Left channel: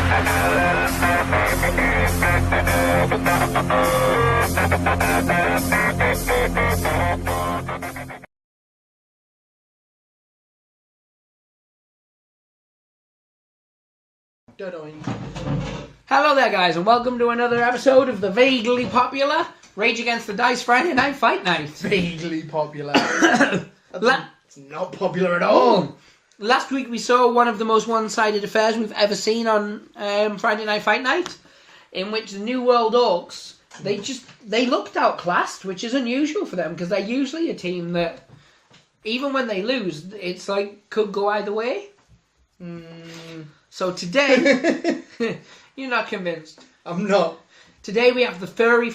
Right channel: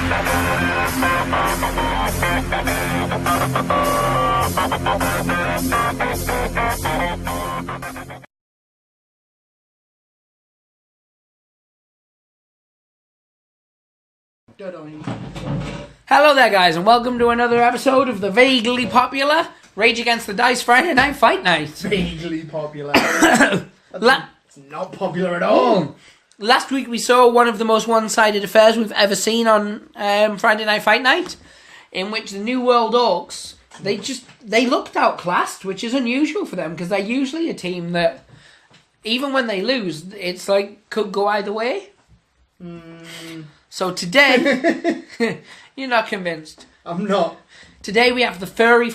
Hello there, guys, and welcome to another episode of the vaguely popular Rage Against the Dice Friday Night Fight Night. Vaguely popular. It's not popular at all. Last week we saw one of the most one-sided affairs we've ever seen on Friday Night Fight Night, in which the New World Orcs, they looked outclassed, which is unusual for them, because they're usually a team that, even when they lose, it's like, could go either way. So today, you're not convinced. I'm not. Today we have the Furry,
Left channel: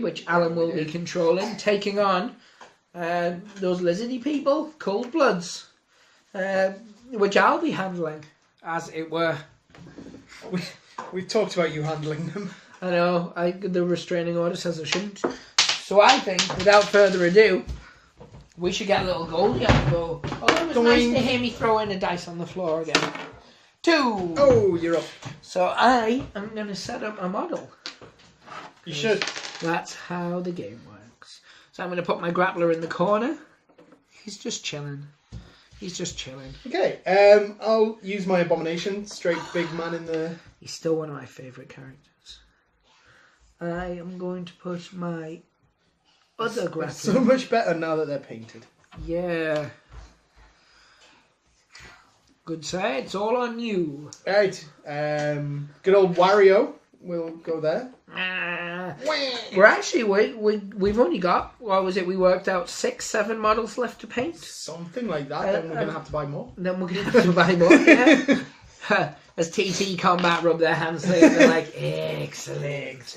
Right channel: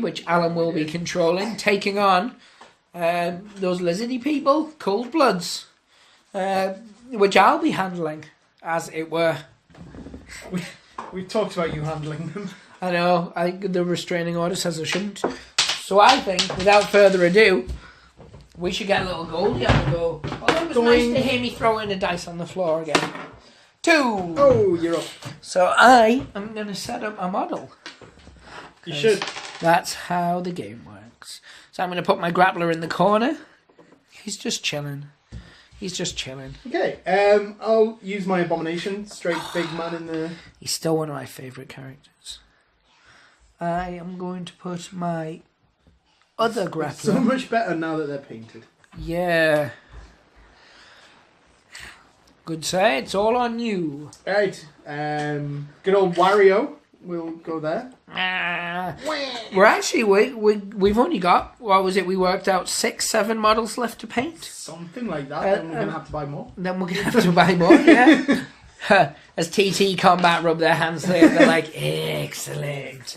which Alan will be controlling, taking on those lizardy people, Cold Bloods, which I'll be handling, as it were. We've talked about you handling them. I know, the restraining order says I shouldn't. So I think, without further ado, we should get a little goldie on the go. Although it was nice to hear me throw in a dice on the floor again. 2! Oh, you're up. So I am going to set up a model. You should. That's how the game works. So I'm going to put my grappler in the corner. He's just chilling. Okay, I'll use my abomination. Straight big man in the... He's still one of my favourite characters. I am going to put my other grappler... So much better now that they're painted. Yeah. Good say, it's all on you. Right, good old Wario will go there. We're actually, we've only got, what was it, we worked out 6-7 models left to paint? Something like that, then we're going to have to buy more. Then we're going to have to buy more, yeah. As TTCombat rub their hands together, they're like, excellent.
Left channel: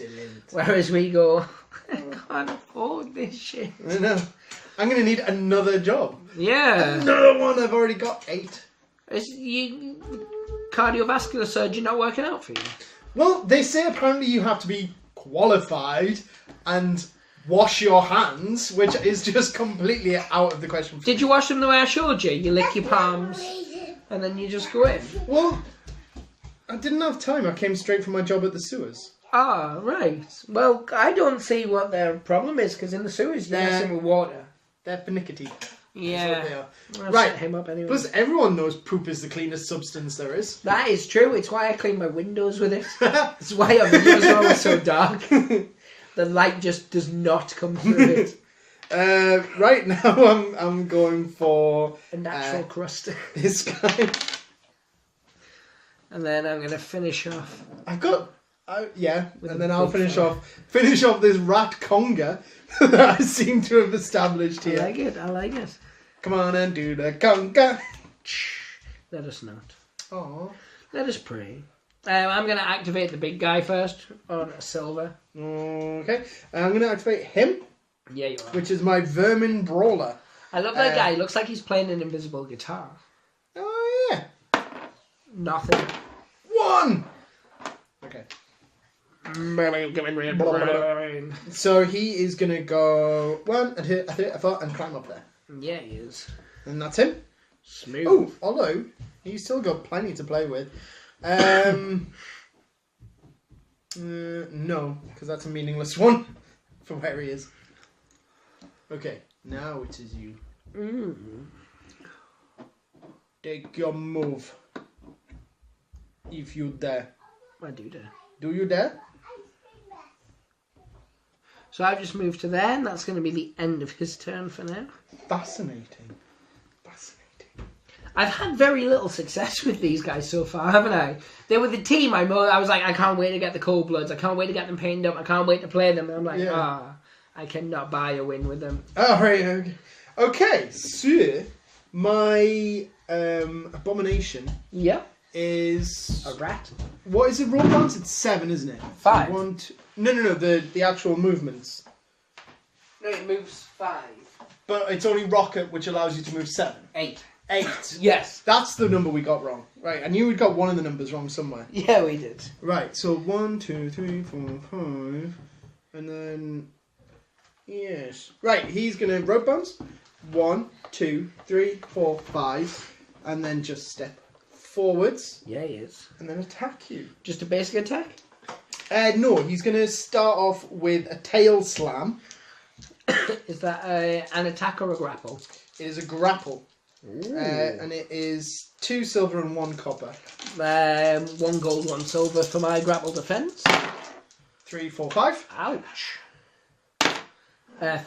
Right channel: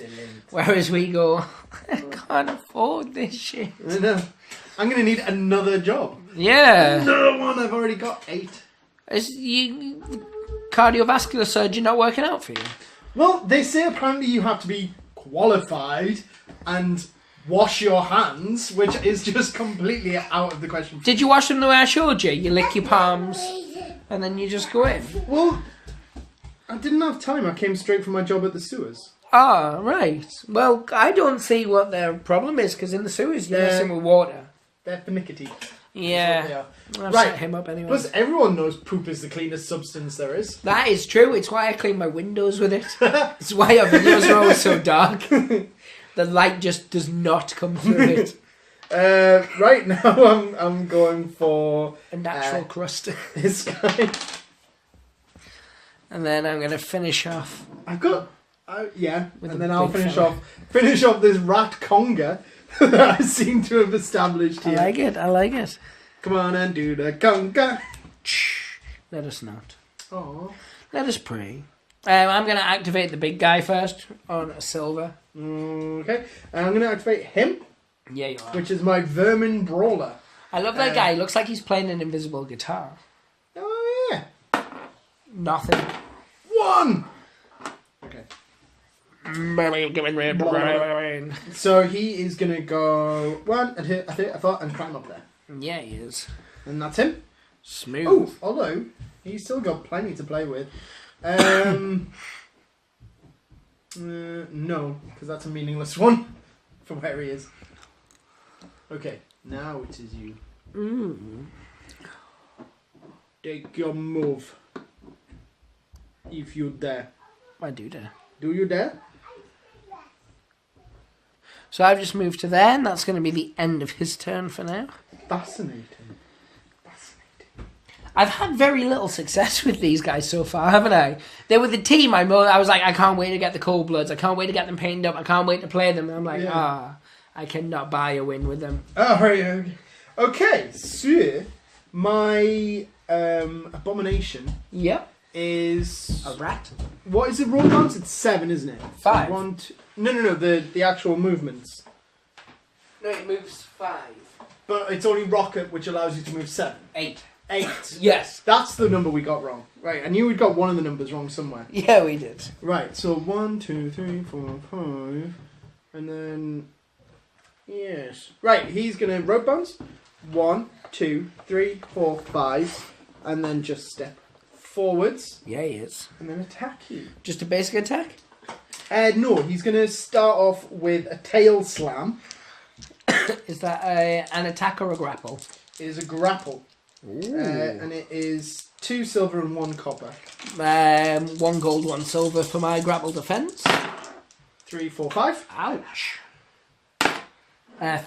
Whereas we go, I can't afford this shit. I know. I'm going to need another job. Yeah. Another one, I've already got 8. Is cardiovascular surgeon not working out for you? Well, they say apparently you have to be qualified and wash your hands, which is just completely out of the question. Did you wash them the way I showed you? You lick your palms and then you just go in? Well, I didn't have time. I came straight from my job at the sewers. Ah, right. Well, I don't see what their problem is, because in the sewers you're messing with water. They're finickety. Yeah. I'll right. set him up anyway. Plus, everyone knows poop is the cleanest substance there is. That is true. It's why I clean my windows with it. It's why our windows are all so dark. The light just does not come through it. Right now, I'm going for a natural crust. This guy. And then I'm going to finish off. I've got yeah, and then I'll finish off this rat conga that I seem to have established here. I like it. Come on and do the conga. Let us not. Aww. Let us pray. I'm going to activate the big guy first on a silver. Okay. I'm going to activate him. Yeah, you are. Which is my Vermin Brawler. I love that guy. He looks like he's playing an invisible guitar. Oh, yeah. Nothing. 1! Okay. So he is going to go 1 and hit, I thought, and climb up there. Yeah, he is. And that's him. Smooth. Oh, although he's still got plenty to play with. No, because that's a meaningless one for where he is. Okay, now it is you. Take your move. If you dare. I do dare. Do you dare? So I've just moved to there, and that's going to be the end of his turn for now. Fascinating. I've had very little success with these guys so far, haven't I? They were the team I was like, I can't wait to get the Cold Bloods. I can't wait to get them painted up. I can't wait to play them. And I'm like, I cannot buy a win with them. Oh, right. Okay, so my abomination is... A rat? What is it, roll bounce? It's 7, isn't it? 5. So 1, 2... No, the actual movements. No, it moves 5. But it's only rocket, which allows you to move 7. 8. 8. Yes. That's the number we got wrong. Right, I knew we'd got one of the numbers wrong somewhere. Yeah, we did. Right, so 1, 2, 3, 4, 5, and then... Yes. Right, he's going to rope bounce. 1, 2, 3, 4, 5, and then just step forwards. Yeah, he is. And then attack you. Just a basic attack? No, he's going to start off with a tail slam. Is that an attack or a grapple? It is a grapple. And it is 2 silver and 1 copper. 1 gold, 1 silver for my grapple defense. 3, 4, 5. Ouch.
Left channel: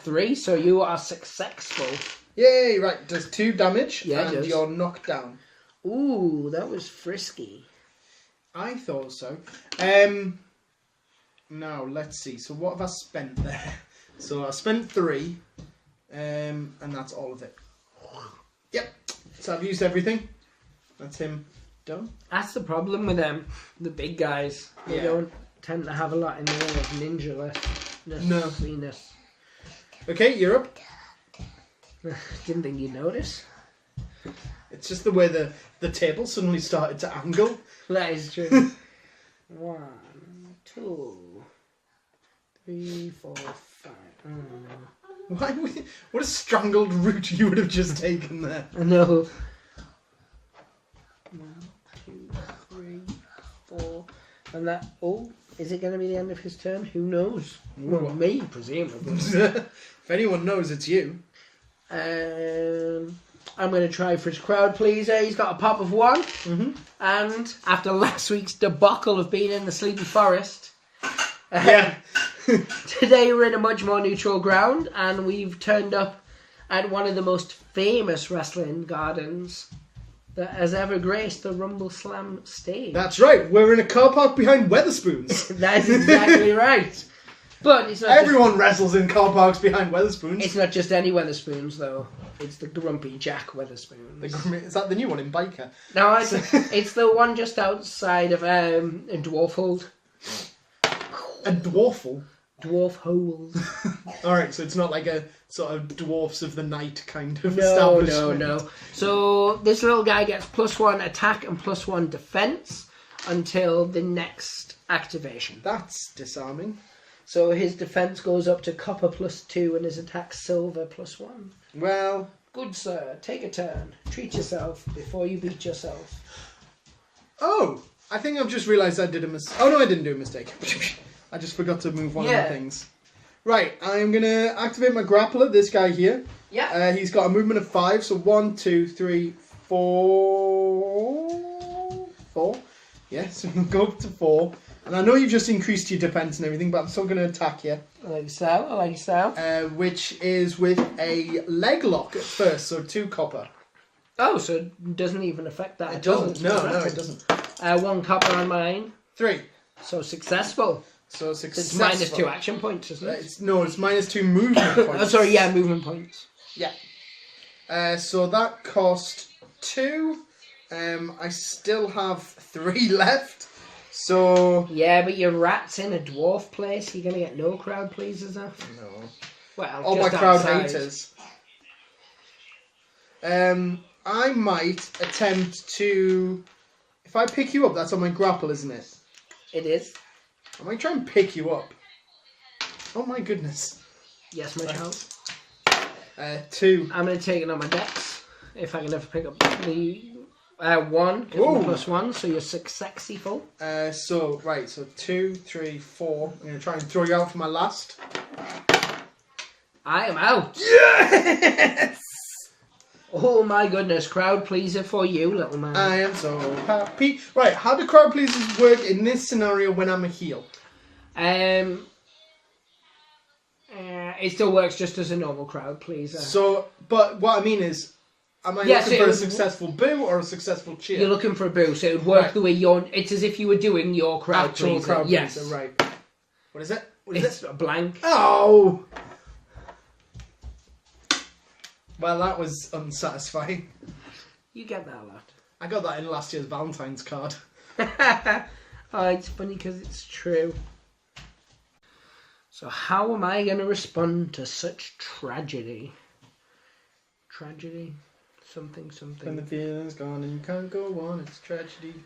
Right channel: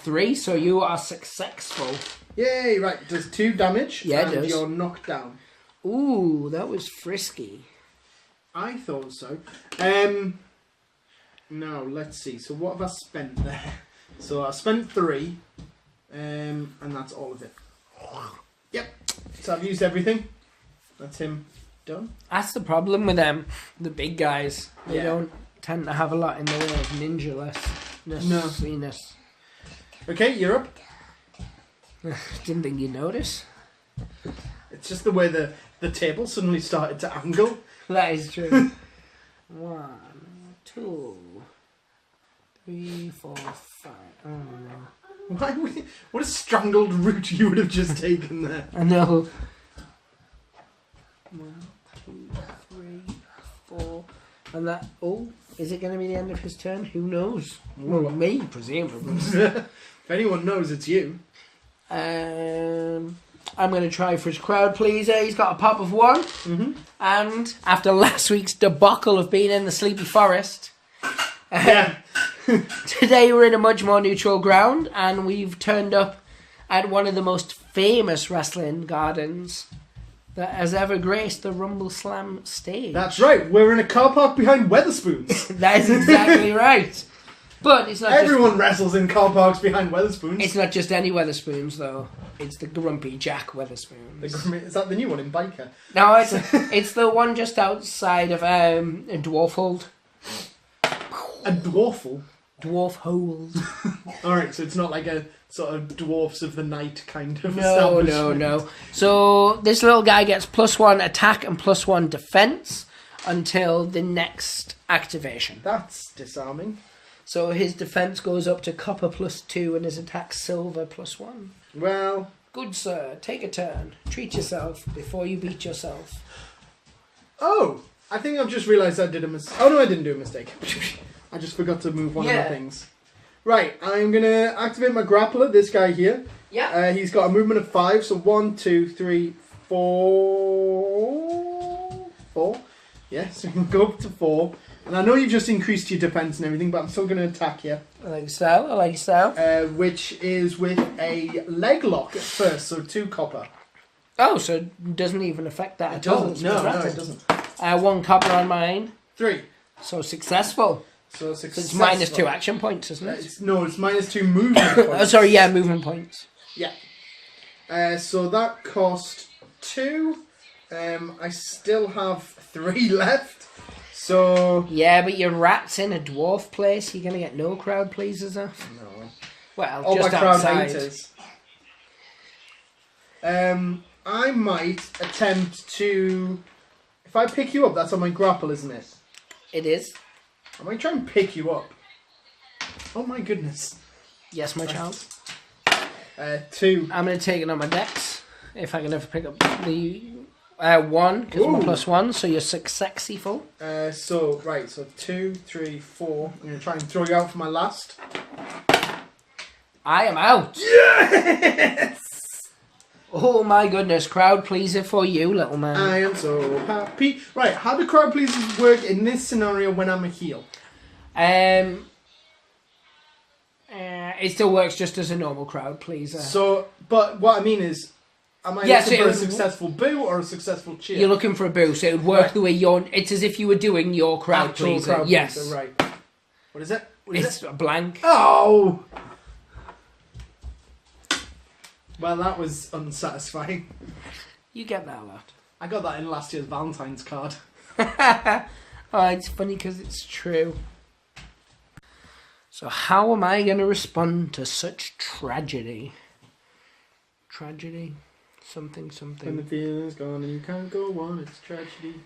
3, so you are successful. Yay, right. It does 2 damage. Yeah, it and does. you're knocked down. Ooh, that was frisky. I thought so. Now, let's see. So what have I spent there? So I spent 3. And that's all of it. Yep. So I've used everything. That's him done. That's the problem with them, the big guys. They Yeah. don't tend to have a lot in the way of ninja-lessness. Okay, you're up. Didn't think you'd notice. It's just the way the table suddenly started to angle. That is true. 1, 2, 3, 4, 5. Oh no. What a strangled route you would have just taken there. I know. 1, 2, 3, 4. And that. Oh, is it going to be the end of his turn? Who knows? Well, me, presumably. If anyone knows, it's you. I'm going to try for his crowd pleaser. He's got a pop of 1. Mm-hmm. And after last week's debacle of being in the Sleepy Forest, Yeah. today we're in a much more neutral ground, and we've turned up at one of the most famous wrestling gardens that has ever graced the Rumbleslam stage. That's right. We're in a car park behind Weatherspoons. That is exactly right. But it's not Everyone wrestles in car parks behind Weatherspoons. It's not just any Weatherspoons, though. It's the Grumpy Jack Weatherspoons. Is that the new one in Biker? No, it's the one just outside of Dwarfhold. A dwarfle? Dwarfhold. Alright, so it's not like a sort of Dwarfs of the Night kind of No. establishment. So this little guy gets +1 attack and +1 defense until the next activation. That's disarming. So his defense goes up to copper +2 and his attack silver +1. Well, Good sir, take a turn. Treat yourself before you beat yourself. oh, I think I've just realised I did a mistake. Oh no, I didn't do a mistake. I just forgot to move one of the things. Right, I'm going to activate my grappler, this guy here. Yeah. He's got a movement of 5, so 1, 2, 3, 4... 4? Yes, we can go up to 4. And I know you've just increased your defense and everything, but I'm still going to attack you. I like your style. Which is with a leg lock at first, so 2 copper. Oh, so it doesn't even affect that It at all. doesn't. No, it doesn't. 1 copper on mine. 3. So successful. So So it's -2 action points, isn't it? It's -2 movement points. Oh, sorry, yeah, movement points. Yeah. So that cost 2. I still have 3 left. So... Yeah, but your rat's in a dwarf place. You're going to get no crowd pleasers off. No. Well, Oh, just my crowd outside. haters. I might attempt to... If I pick you up, that's on my grapple, isn't it? It is. I might try and pick you up. Oh my goodness. Yes, my child. 2. I'm going to take it on my dex. If I can ever pick up the 1, because I'm +1, so you're successful. So 2, 3, 4. I'm going to try and throw you out for my last. I am out. Yes! Oh my goodness, crowd pleaser for you, little man. I am so happy. Right, how do crowd pleasers work in this scenario when I'm a heel? It still works just as a normal crowd pleaser. So, but what I mean is, am I looking for a successful boo or a successful cheer? You're looking for a boo, so it would work the way you're... It's as if you were doing your crowd Actual pleaser. crowd Yes. pleaser, right. What is it? It's a blank. Oh! Well, that was unsatisfying. You get that a lot. I got that in last year's Valentine's card. Oh, it's funny because it's true. So how am I going to respond to such tragedy? Tragedy? Something. When the feeling's gone and you can't go on, it's tragedy.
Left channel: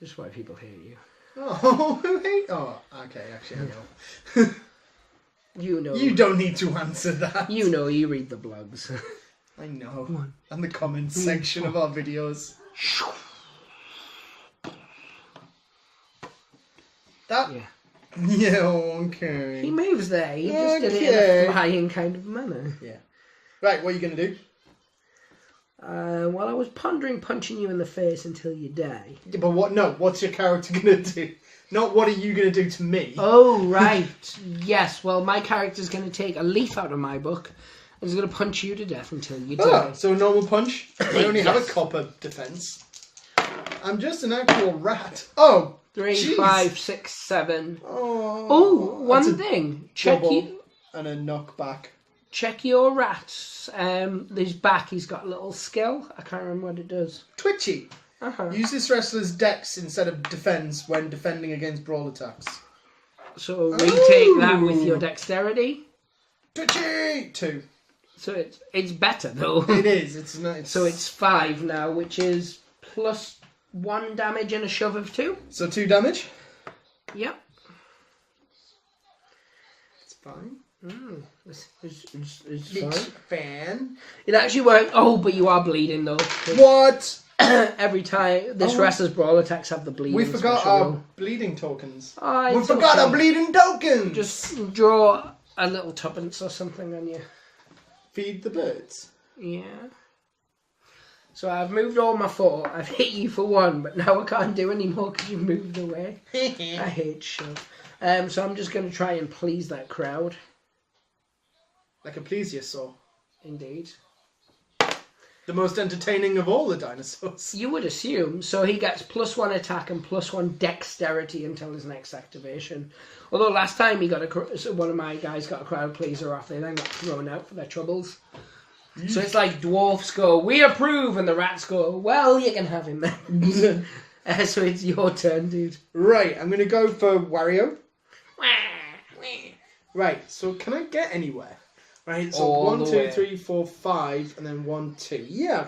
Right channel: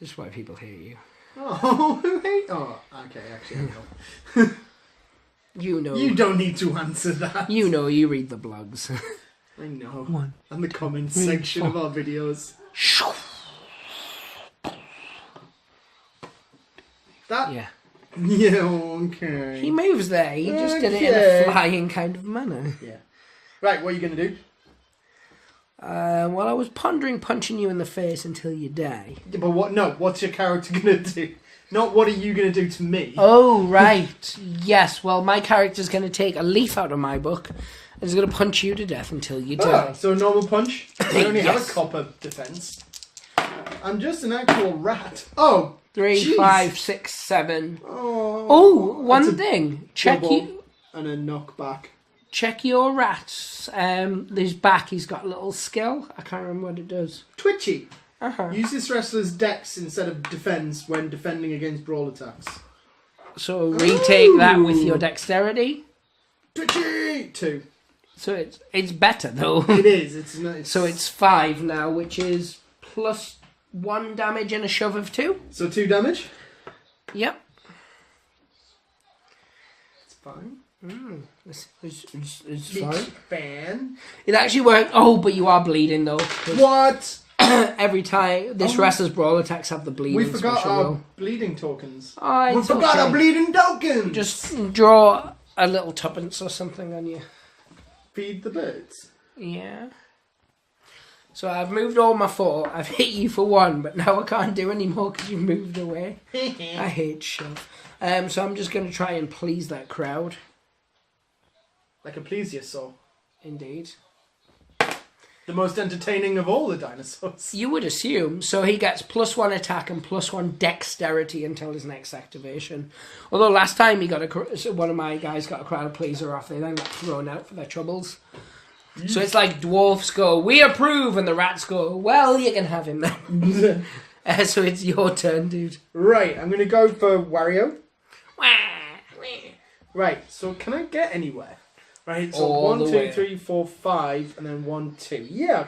This is why people hate you. Oh, who hate? Oh, okay, actually, I know. You know. You don't need to answer that. You know, you read the blogs. I know. And the comments section of our videos. That? Yeah. Yeah, okay. He moves there. He just did it in a flying kind of manner. Yeah. Right, what are you going to do? Well, I was pondering punching you in the face until you die. Yeah, but what? No, what's your character going to do? Not what are you going to do to me? Oh, right. Yes, well, my character's going to take a leaf out of my book and is going to punch you to death until you die. So a normal punch? I only have Yes. a copper defense. I'm just an actual rat. Oh, 3, jeez. 5, 6, 7. Oh, Oh, one that's a thing. Check double you. and a knockback. Check your rats. His back, he's got a little skill. I can't remember what it does. Twitchy. Uh-huh. Use this wrestler's dex instead of defense when defending against brawl attacks. So retake that with your dexterity. Twitchy! 2. So it's better though. It is. It's nice. So it's 5 now, which is plus 1 damage and a shove of 2. So 2 damage. Yep. It's fine. It's Big fine. fan. It actually worked. Oh, but you are bleeding though. 'Cause What? every time this wrestler's brawl attacks have the bleeding. We forgot special our roll. bleeding tokens. Oh, We it's forgot okay. our bleeding tokens. Just draw a little tuppence or something on you. feed the birds. Yeah. So I've moved all my 4. I've hit you for 1, but now I can't do any more because you've moved away. I hate shove. So I'm just going to try and please that crowd. Like a plesiosaur. Indeed. The most entertaining of all the dinosaurs. You would assume. So he gets plus 1 attack and plus 1 dexterity until his next activation. Although last time he got one of my guys got a crowd pleaser off, they then got thrown out for their troubles. So it's like dwarfs go, we approve, and the rats go, well, you can have him then. So it's your turn, dude. Right, I'm going to go for Wario. Right, so can I get anywhere? Right, so All 1, the 2, way. 3, 4, 5, and then 1, 2. Yeah, I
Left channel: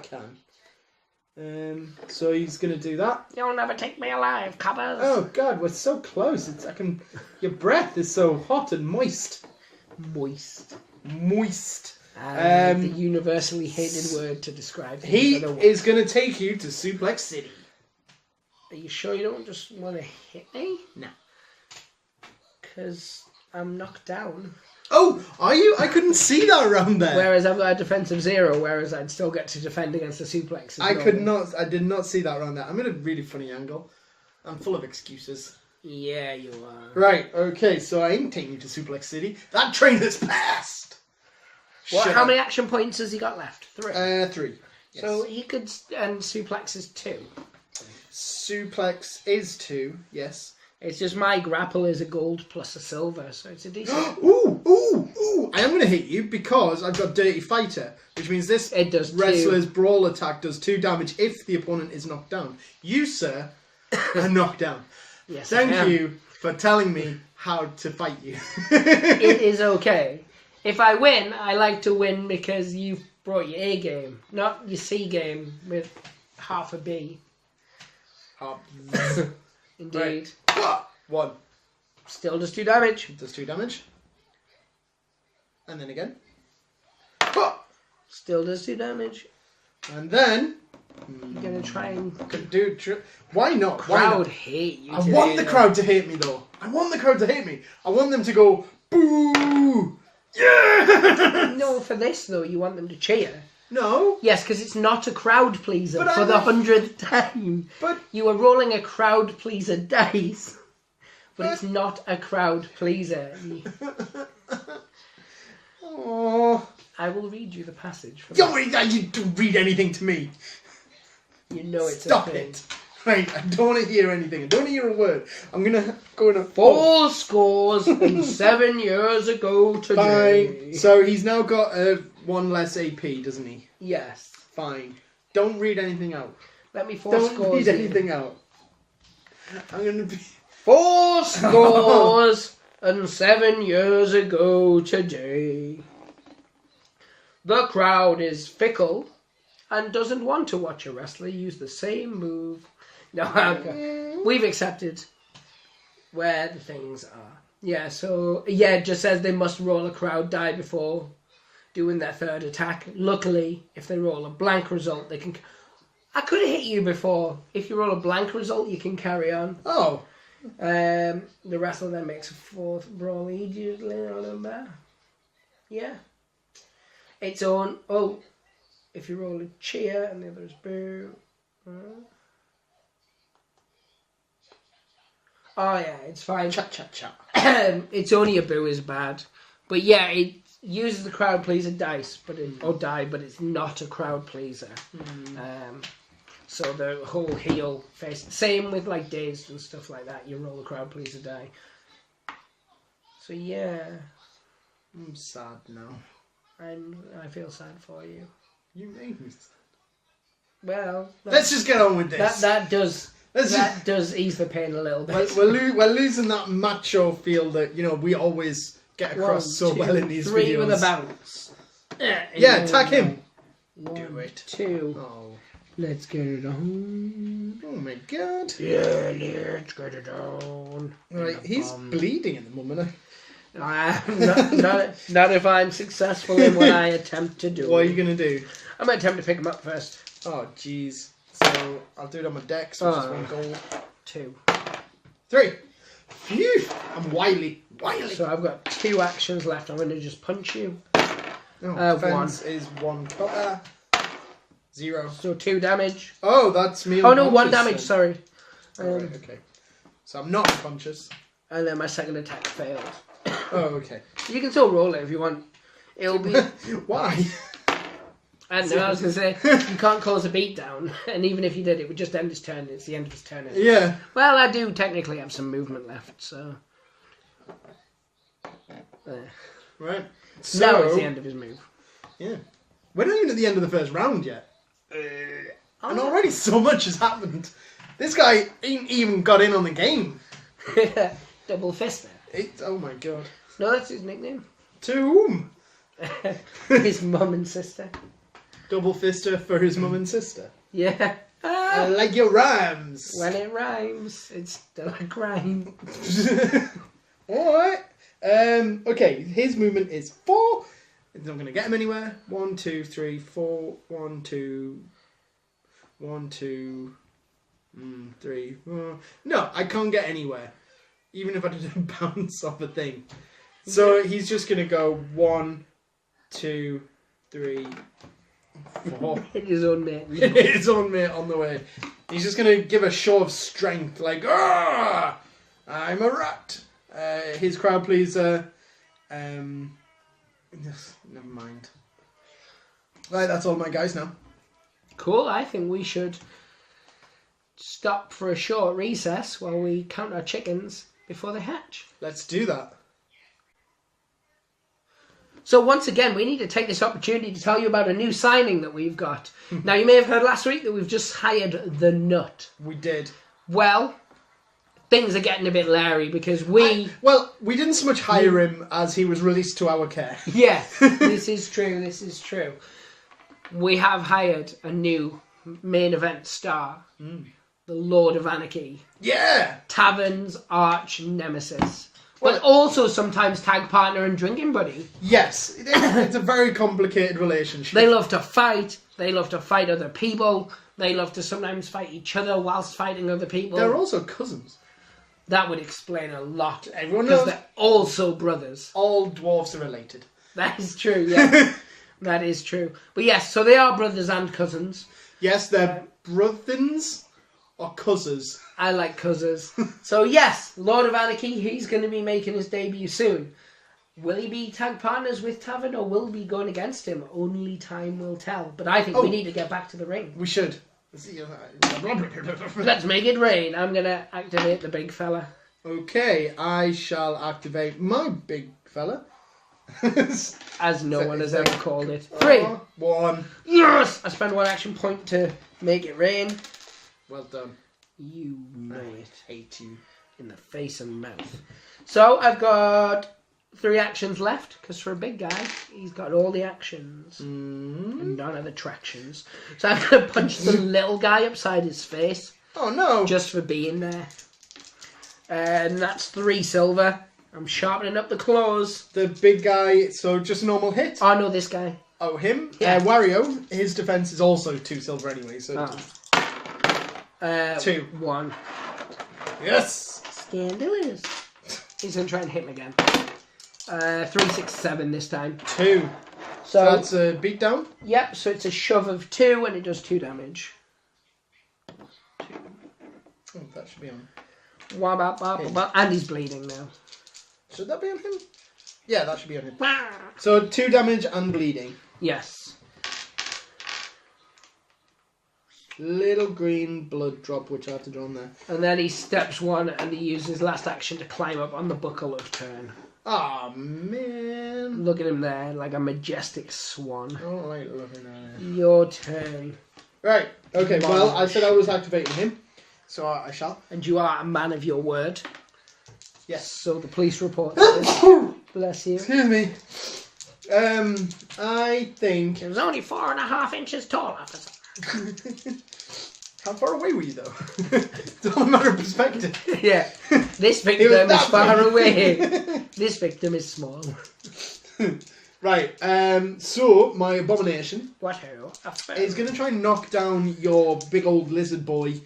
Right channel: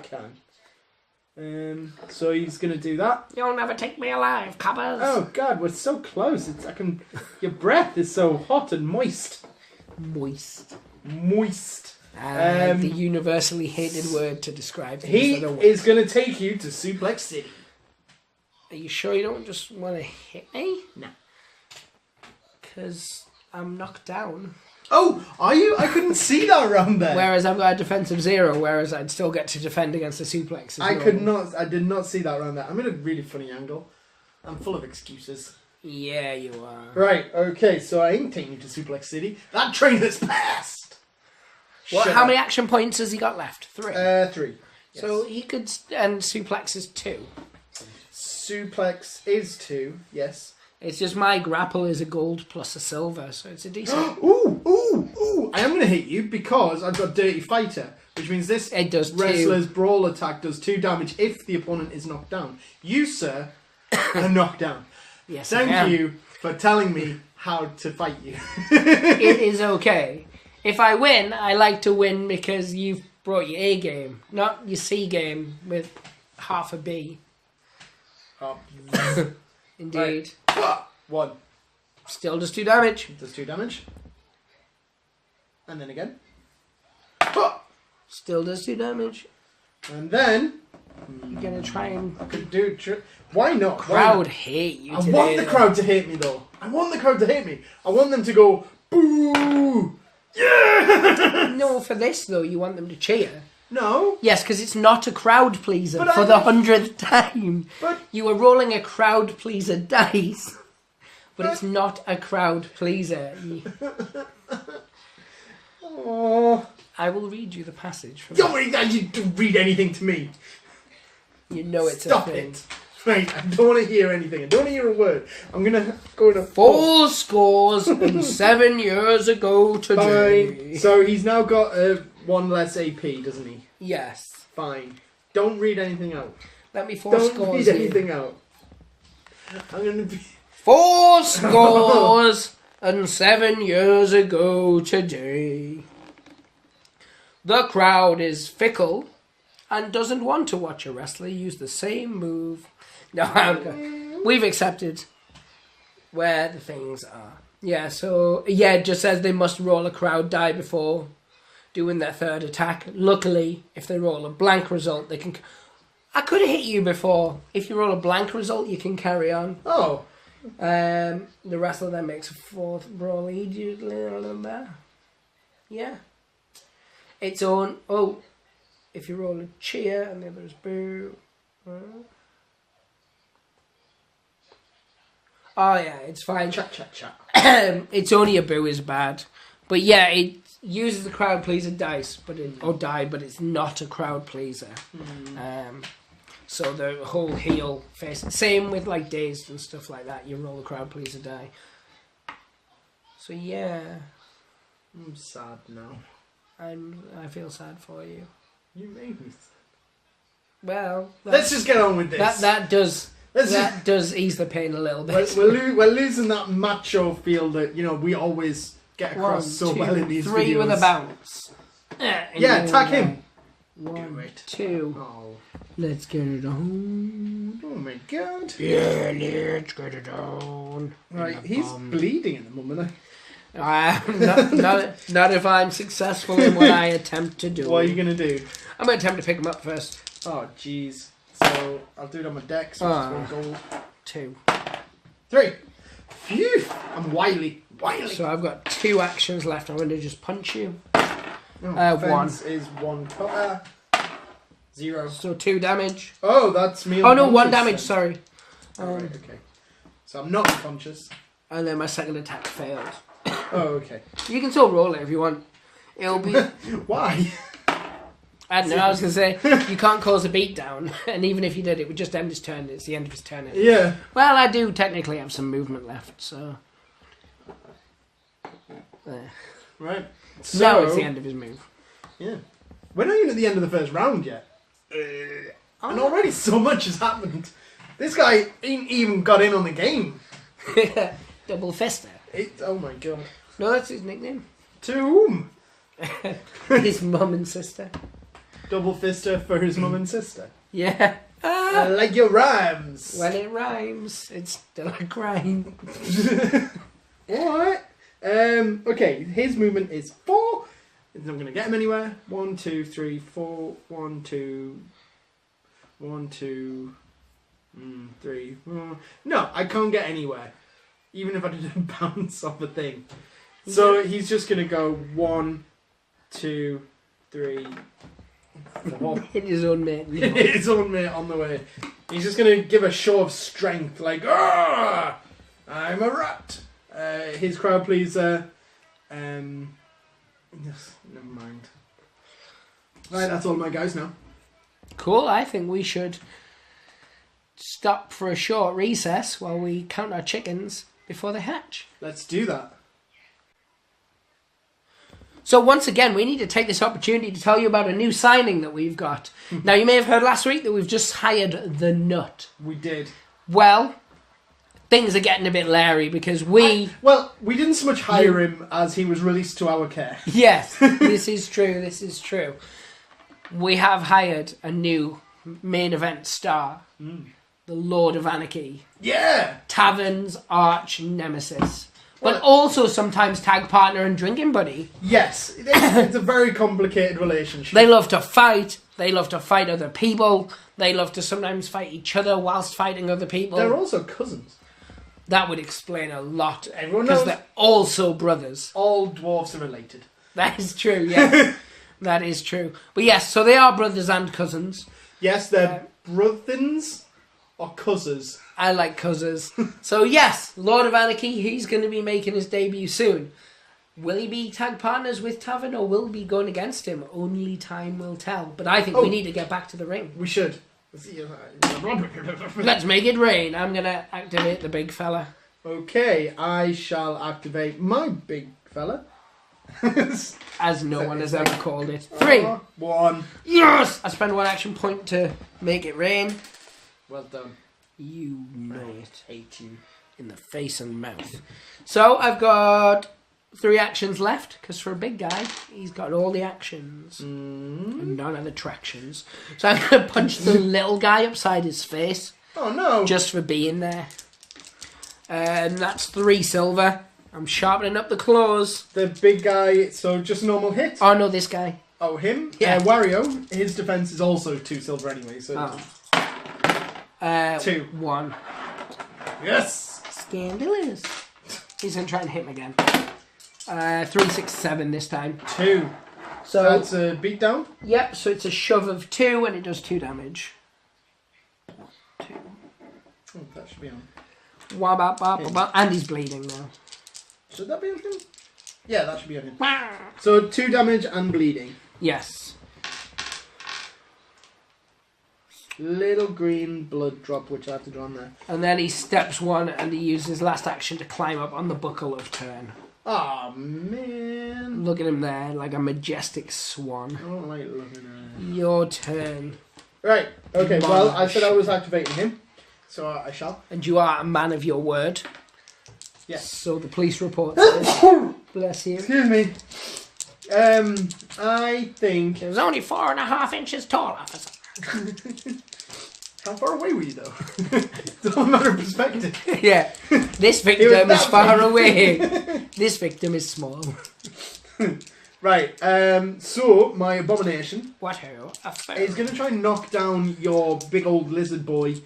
can. So he's going to do that. You'll never take me alive, coppers. Oh God, we're so close. Your breath is so hot and moist. Moist. Moist. The universally hated word to describe things He that are is going to take you to Suplex City. Are you sure you don't just want to hit me? No. Because I'm knocked down. Oh, are you? I couldn't see that around there. Whereas I've got a defensive 0, whereas I'd still get to defend against the suplex. I could not. I did not see that around there. I'm in a really funny angle. I'm full of excuses. Yeah, you are. Right. Okay. So I ain't taking you to Suplex City. That train has passed. How many action points has he got left? 3. 3. So he could, and suplex is 2. Suplex is 2. Yes. It's just my grapple is a gold plus a silver, so it's a decent. Ooh! I am going to hit you because I've got Dirty Fighter, which means this It does 2. wrestler's brawl attack does 2 damage if the opponent is knocked down. You, sir, are knocked down. Yes, I Thank am. you for telling me how to fight you. It is okay. If I win, I like to win because you've brought your A game, not your C game with half a B. Indeed. Right. 1. Still does 2 damage. Does 2 damage. And then again. Still does 2 damage. And then... You're going to try and... Why not? Crowd hate you I today, want the though. crowd to hate me, though. I want the crowd to hate me. I want them to go, boo! Yeah! No, for this, though, you want them to cheer. No. Yes, because it's not a crowd pleaser But for the 100th time. But... You are rolling a crowd pleaser dice. But it's not a crowd pleaser. Oh. I will read you the passage. From You don't read anything to me. You know it's Stop a thing. it. Right, I don't want to hear anything. I don't want to hear a word. I'm going to go to 4 scores and 7 years ago today. Fine. So he's now got 1 less AP, doesn't he? Yes. Fine. Don't read anything out. Let me 4 Don't scores. read anything out. I'm going to be... 4 scores and 7 years ago today. The crowd is fickle and doesn't want to watch a wrestler use the same move. No, we've accepted where the things are. Yeah, so, yeah, it just says they must roll a crowd die before doing their 3rd attack. Luckily, if they roll a blank result, they can... I could have hit you before. If you roll a blank result, you can carry on. Oh. The wrestler then makes a 4th roll. Yeah. Its own. Oh, if you roll a cheer and the other is boo. Oh yeah, it's fine. Chat. It's only a boo is bad, but yeah, it uses the crowd pleaser dice, but but it's not a crowd pleaser. So the whole heel face, same with like dazed and stuff like that. You roll the crowd pleaser die. So yeah, I'm sad now. I feel sad for you. You made me sad. Well, let's just get on with this. That does ease the pain a little bit. We're losing that macho feel that we always get across well in these 3 videos. with a bounce. Yeah, attack him. 1, Do it. 2. Oh. Let's get it on. Oh my god. Yeah, let's get it on. Right, he's bleeding at the moment. Not if I'm successful in what I attempt to do. What are you going to do? I'm going to attempt to pick him up first. Oh, jeez. So, I'll do it on my dex, which is 1 gold. 2. 3. Phew! I'm wily. So I've got 2 actions left. I'm going to just punch you. Oh, 1 is 1 cutter. 0. So 2 damage. Oh, that's me. Oh no, 1 damage, sorry. Right, okay. So I'm not unconscious. And then my second attack failed. Oh, okay. You can still roll it if you want. It'll be... Why? I don't know, I was going to say, you can't cause a beatdown. And even if you did, it would just end his turn. It's the end of his turn. Yeah. Well, I do technically have some movement left, so... Right. So, now it's the end of his move. Yeah. We're not even at the end of the first round yet. And already so much has happened. This guy ain't even got in on the game. Double Fister. Oh my god. No, that's his nickname. To whom? His mum and sister. Double Fister for his mum and sister. Yeah. I like your rhymes. When it rhymes, it's still a crime. Alright. Okay, his movement is 4. It's not going to get him anywhere. 1, 2, 3, 4. 1, 2. 1, 2. 3. No, I can't get anywhere. Even if I didn't bounce off a thing. So he's just going to go 1, 2, 3, 4. Hit his own mate. Hit his own mate on the way. He's just going to give a show of strength. Like, I'm a rat. His crowd pleaser. Never mind. Right, that's all my guys now. Cool, I think we should stop for a short recess while we count our chickens before they hatch. Let's do that. So once again, we need to take this opportunity to tell you about a new signing that we've got. Now, you may have heard last week that we've just hired the Nut. We did. Well, things are getting a bit leery because we didn't so much hire him as he was released to our care. Yes, this is true. We have hired a new main event star, the Lord of Anarchy. Yeah! Tavern's arch nemesis. But also sometimes tag partner and drinking buddy. Yes, it's a very complicated relationship. They love to fight. They love to fight other people. They love to sometimes fight each other whilst fighting other people. They're also cousins. That would explain a lot. Everyone knows. Because they're also brothers. All dwarves are related. That is true, yes. That is true. But yes, so they are brothers and cousins. Yes, they're brothers or cousins. I like cousins. So yes, Lord of Anarchy, he's going to be making his debut soon. Will he be tag partners with Tavern or will he be going against him? Only time will tell. But I think we need to get back to the ring. We should. Let's make it rain. I'm going to activate the big fella. Okay, I shall activate my big fella. As no one has ever called it. 3. 1. Yes! I spend 1 action point to make it rain. Well done. You know it. Hate you. In the face and mouth. So I've got 3 actions left, because for a big guy, he's got all the actions. And none of the tractions. So I'm going to punch the little guy upside his face. Oh no! Just for being there. And that's 3 silver. I'm sharpening up the claws. The big guy, so just a normal hit? Oh no, this guy. Oh, him? Yeah. Wario, his defense is also 2 silver anyway, so... Oh. 2. 1. Yes! Scandalous. He's going to try and hit him again. 3, 6, 7 this time. 2. So that's a beatdown? Yep, so it's a shove of 2 and it does 2 damage. 2. Oh, that should be on. And he's bleeding now. Should that be on him? Yeah, that should be on him. So 2 damage and bleeding. Yes. Little green blood drop, which I have to draw on there. And then he steps 1 and he uses his last action to climb up on the buckle of turn. Oh man. Look at him there, like a majestic swan. I don't like looking at it. Your turn. Right, okay, well, I said I was activating him, so I shall. And you are a man of your word. Yes. So the police report says, bless you. Excuse me. I think... It was only 4.5 inches tall, officer. How far away were you, though? It's all a matter of perspective. Yeah. This victim is far away. This victim is small. Right, so my abomination is going to try and knock down your big old lizard boy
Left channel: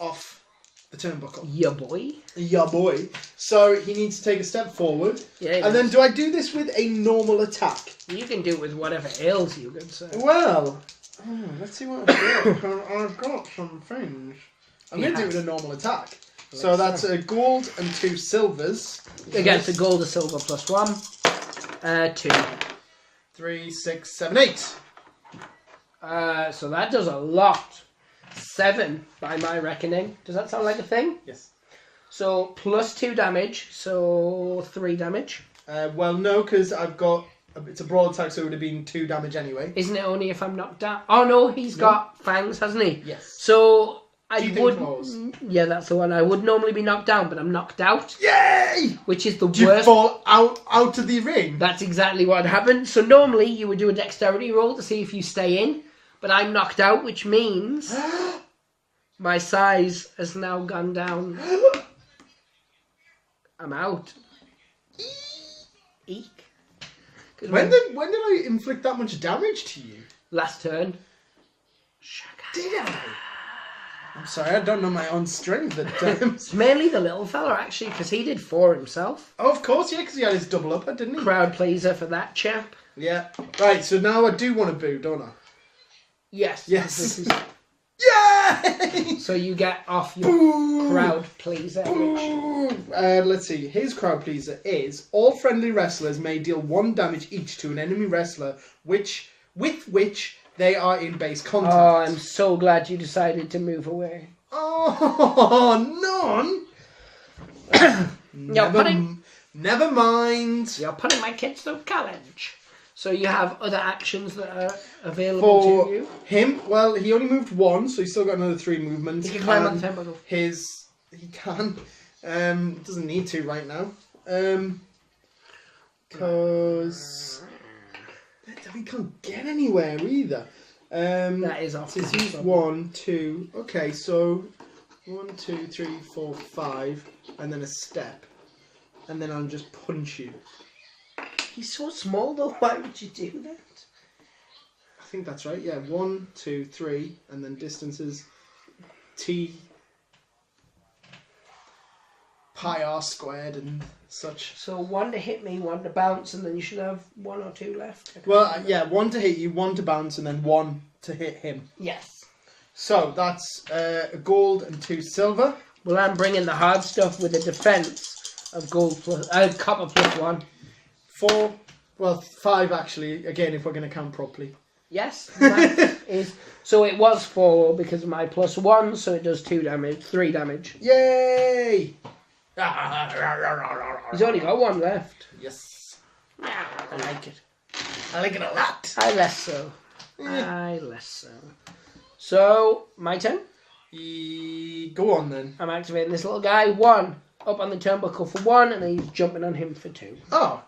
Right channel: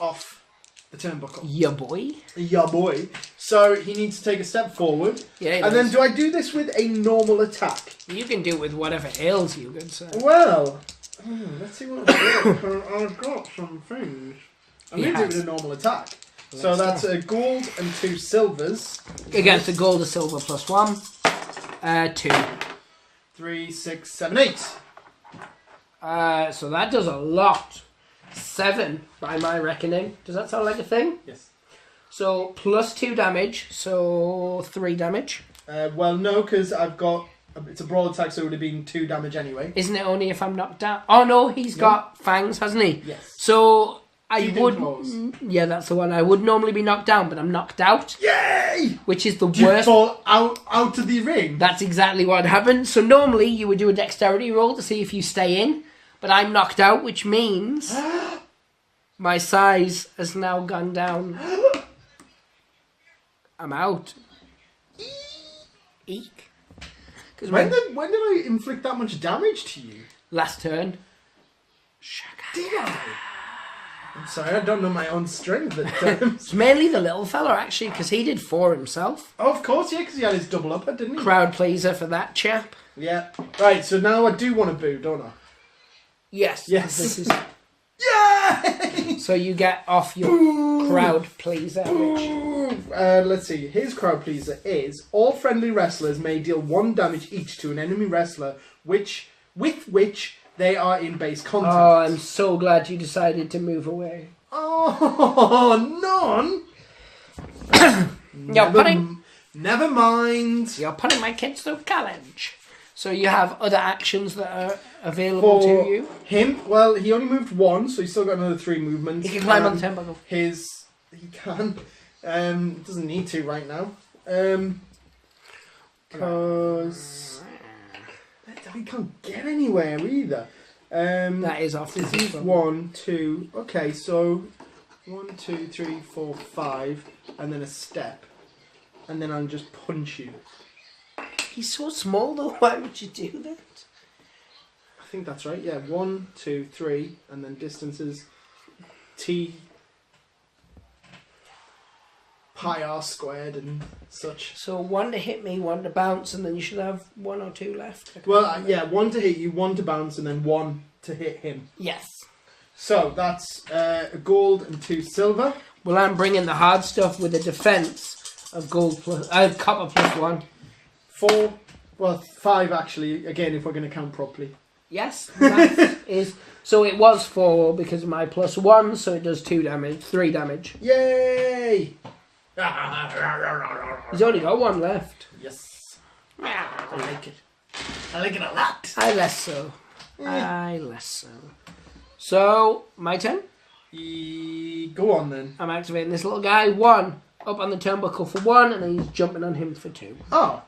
off the turnbuckle. Your boy? Your boy. So he needs to take a step forward. Yeah, and then do I do this with a normal attack? You can do it with whatever ails you, good sir. Well, let's see what I've got. I've got some things. I'm going to do it with a normal attack. So that's a gold and 2 silvers. Against a gold or silver plus 1. 2. 3, 6, 7, 8. So that does a lot. 7 by my reckoning. Does that sound like a thing? Yes. So plus 2 damage. So 3 damage. Well, no, because I've got... It's a broad attack, so it would have been 2 damage anyway. Isn't it only if I'm knocked down? Oh no, he's got fangs, hasn't he? Yes. So I would... Claws. Yeah, that's the one. I would normally be knocked down, but I'm knocked out. Yay! Which is the Do you worst. fall out of the ring? That's exactly what happened. So normally you would do a dexterity roll to see if you stay in, but I'm knocked out, which means my size has now gone down. I'm out. Eek. When did I inflict that much damage to you? Last turn. Did I? I'm sorry, I don't know my own strength at times. It's mainly the little fella, actually, because he did 4 himself. Oh, of course, yeah, because he had his double upper, didn't he? Crowd pleaser for that chap. Yeah. Right, so now I do want to boo, don't I? Yes. Yes. This is... Yay! So you get off your crowd pleaser. Let's see. His crowd pleaser is all friendly wrestlers may deal 1 damage each to an enemy wrestler, with which they are in base contact. Oh, I'm so glad you decided to move away. Oh, none. Never mind. You're putting my kids through college. So you have other actions that are available to you? Him, well, he only moved 1, so he's still got another 3 movements. He can climb on the turnbuckle. He can. Doesn't need to right now. Because we can't get anywhere either. That is off. This is 1, 2. Okay, so 1, 2, 3, 4, 5, and then a step, and then I'll just punch you. He's so small though. Why would you do that? I think that's right. Yeah, 1, 2, 3, and then distances T pi r squared and such. So 1 to hit me, 1 to bounce, and then you should have 1 or 2 left. Well, yeah, 1 to hit you, 1 to bounce, and then 1 to hit him. Yes. So that's a gold and 2 silver. Well, I'm bringing the hard stuff with a defense of gold plus copper plus 1. 4, well, 5 actually. Again, if we're going to count properly. Yes, that is. So it was 4 because of my plus 1, so it does 2 damage, 3 damage. Yay! He's only got 1 left. Yes. I like it. I like it a lot. I less so. So, my turn. Go on then. I'm activating this little guy. 1 up on the turnbuckle for 1, and then he's jumping on him for 2. Oh,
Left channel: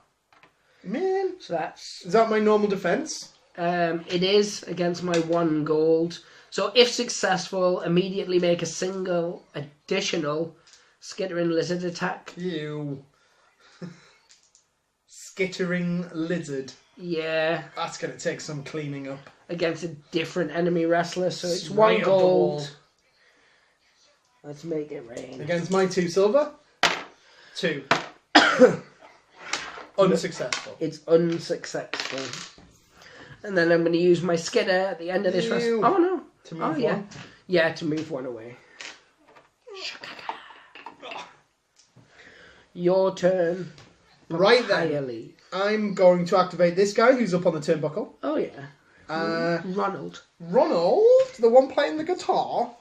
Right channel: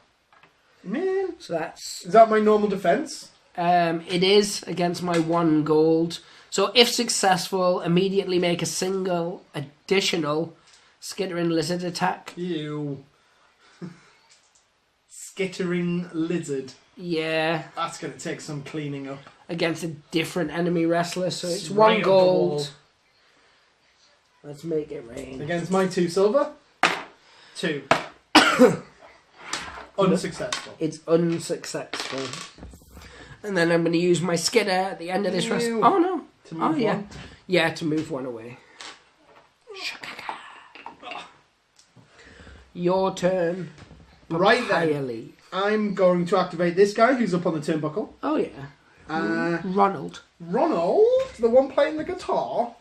man. So that's... Is that my normal defense? It is against my 1 gold. So if successful, immediately make a single additional skittering lizard attack. Ew. Skittering lizard. Yeah. That's going to take some cleaning up. Against a different enemy wrestler. So it's Right 1 up the gold. wall. Let's make it rain. Against my 2 silver. 2. Unsuccessful. It's unsuccessful. And then I'm going to use my skidder at the end of this rest. Oh no. To move yeah. one. Yeah, to move one away. Your turn. Right then. I'm going to activate this guy who's up on the turnbuckle. Oh yeah. Ronald, the one playing the guitar.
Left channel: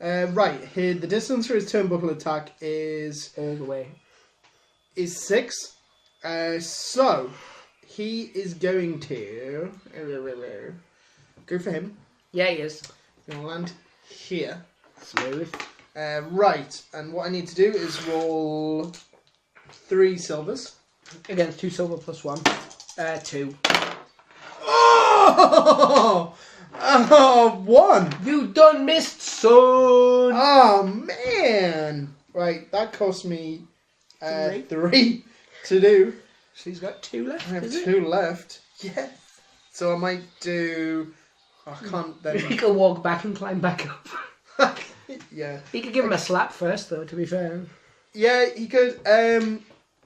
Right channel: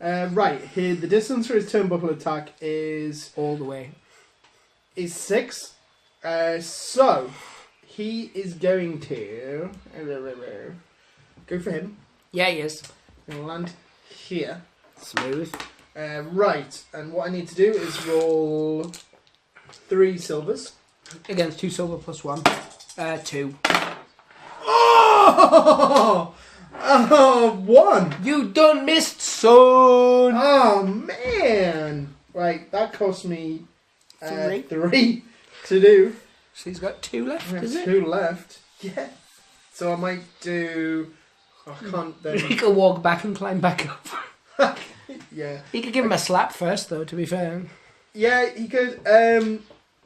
Right, here the distance for his turnbuckle attack is all the way. Is 6. So he is going to go for him. Yeah, he is. I'm gonna land here. Smooth. Right, and what I need to do is roll 3 silvers. Against 2 silver plus 1. 2. Oh, 1. You done missed, son. Oh, man. Right, that cost me 3 to do. She's got 2 left, I have is 2 left. Yeah. So I might do... I can't then... He could walk back and climb back up. Yeah. He could give him a slap first, though, to be fair. Yeah, he could.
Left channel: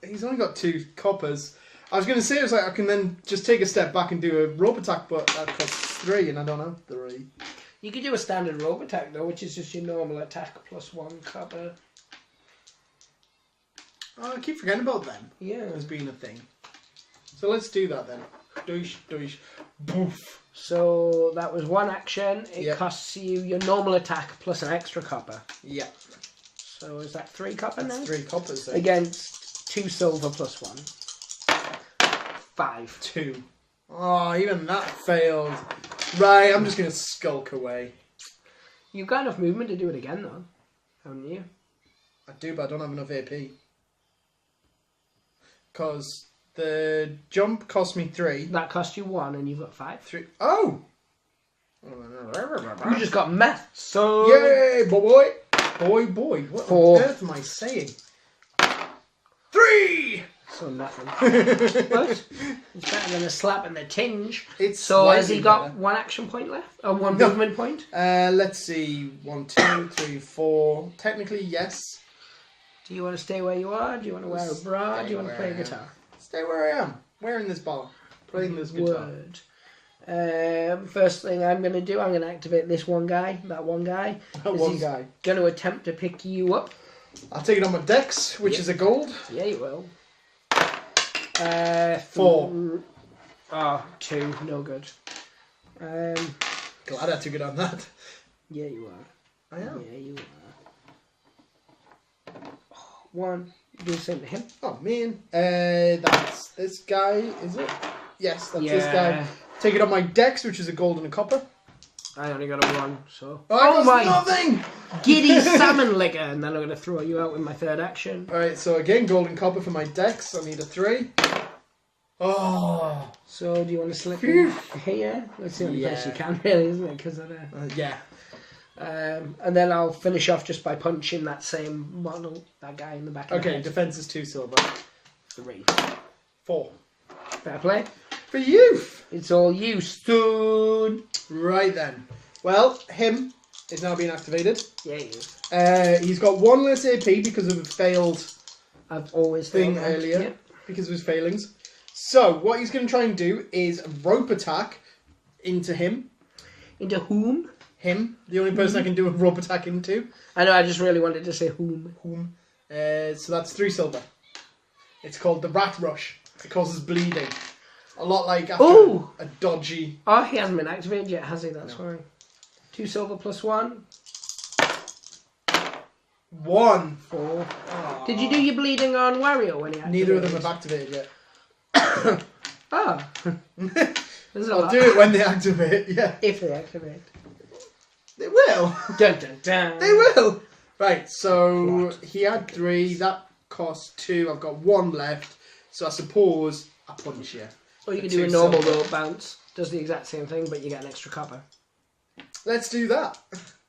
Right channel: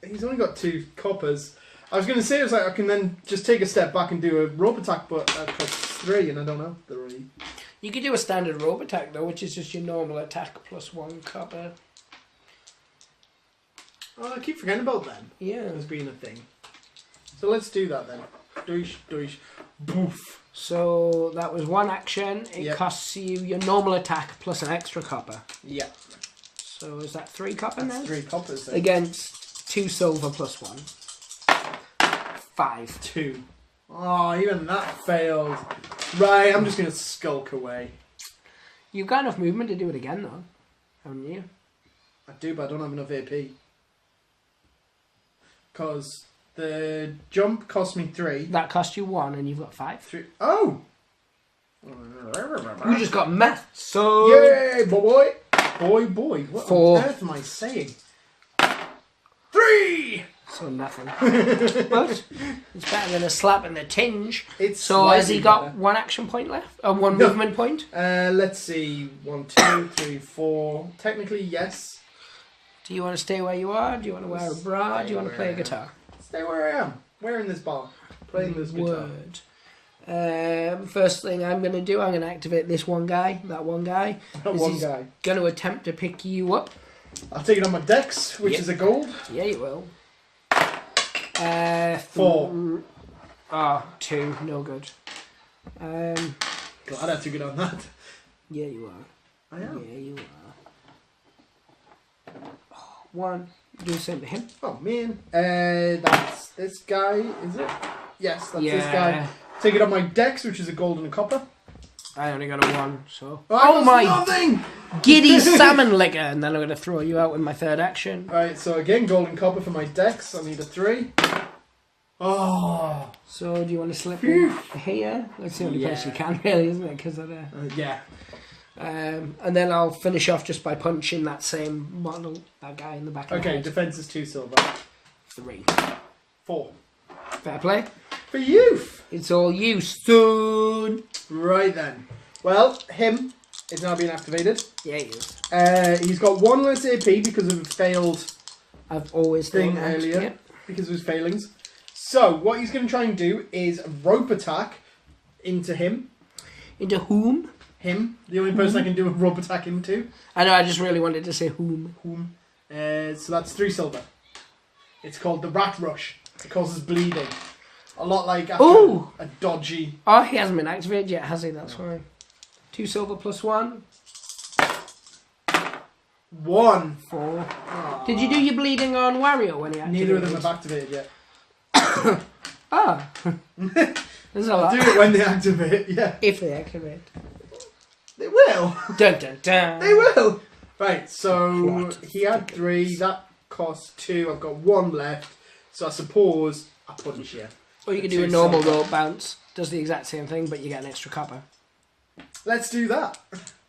He's only got 2 coppers. I was going to say, it was like I can then just take a step back and do a rope attack, but that costs 3 and I don't have 3. You could do a standard rope attack, though, which is just your normal attack plus 1 copper. Oh, I keep forgetting about them. Yeah. As being a thing. So let's do that then. Doosh, doosh, boof. So that was 1 action. It Yep. costs you your normal attack plus an extra copper. Yeah. So is that 3 copper now? 3 coppers then. Against 2 silver plus 1. 5. 2. Oh, even that failed. Right, I'm just going to skulk away. You've got enough movement to do it again, though, haven't you? I do, but I don't have enough AP. Because the jump cost me 3. That cost you 1 and you've got 5. 3. Oh! You just got meth, so... Yay, boy! Boy. What 4. on earth am I saying? 3! So nothing. But it's better than a slap and a tinge. It's so has he slightly got better. 1 action point left? And 1 movement point? Let's see. 1, 2, 3, 4. Technically, yes. Do you want to stay where you are? Do you want to wear a bra? Do you want to play a guitar? Stay where I am. Wearing this bar. Playing this guitar. Word. First thing I'm going to do, I'm going to activate this one guy. That one guy. That one guy. Going to attempt to pick you up. I'll take it on my dex, which is a gold. Yeah, you will. 4. Oh, 2. No good. God, I'd have to get on that. Yeah, you are. I am. Yeah, you are. 1. Do the same to him. Oh, man. That's this guy, is it? Yes, that's this guy. Take it on my dex, which is a gold and a copper. I only got a 1, so... Oh my... Nothing! Giddy salmon liquor! And then I'm going to throw you out with my 3rd action. Alright, so again, gold and copper for my dex. I need a 3. Oh! So, do you want to slip in here? That's the only place you can, really, isn't it? Because of the... yeah. And then I'll finish off just by punching that same model, that guy in the back of the head. Defense is 2 silver. 3. 4. Fair play. For youth! It's all you, son. Right then. Well, him is now being activated. Yeah, he is. He's got 1 less AP because of a failed I've always thing earlier. Yep. Because of his failings. So, what he's going to try and do is rope attack into him. Into whom? Him. The only person I can do a rope attack into. I know, I just really wanted to say whom. Whom. So that's 3 silver. It's called the Rat Rush. It causes bleeding. A lot like after a dodgy... Oh, he hasn't been activated yet, has he? That's why. 2 silver plus 1. 1. 4. Aww. Did you do your bleeding on Wario when he activated? Neither of them have activated yet. There's a I'll lot. do it when they activate, yeah. If they activate. They will. Dun dun dun. They will. Right, so he had 3. That cost 2. I've got 1 left. So I suppose I punish you. Or you can do a normal rope bounce. Does the exact same thing, but you get an extra copper. Let's do that.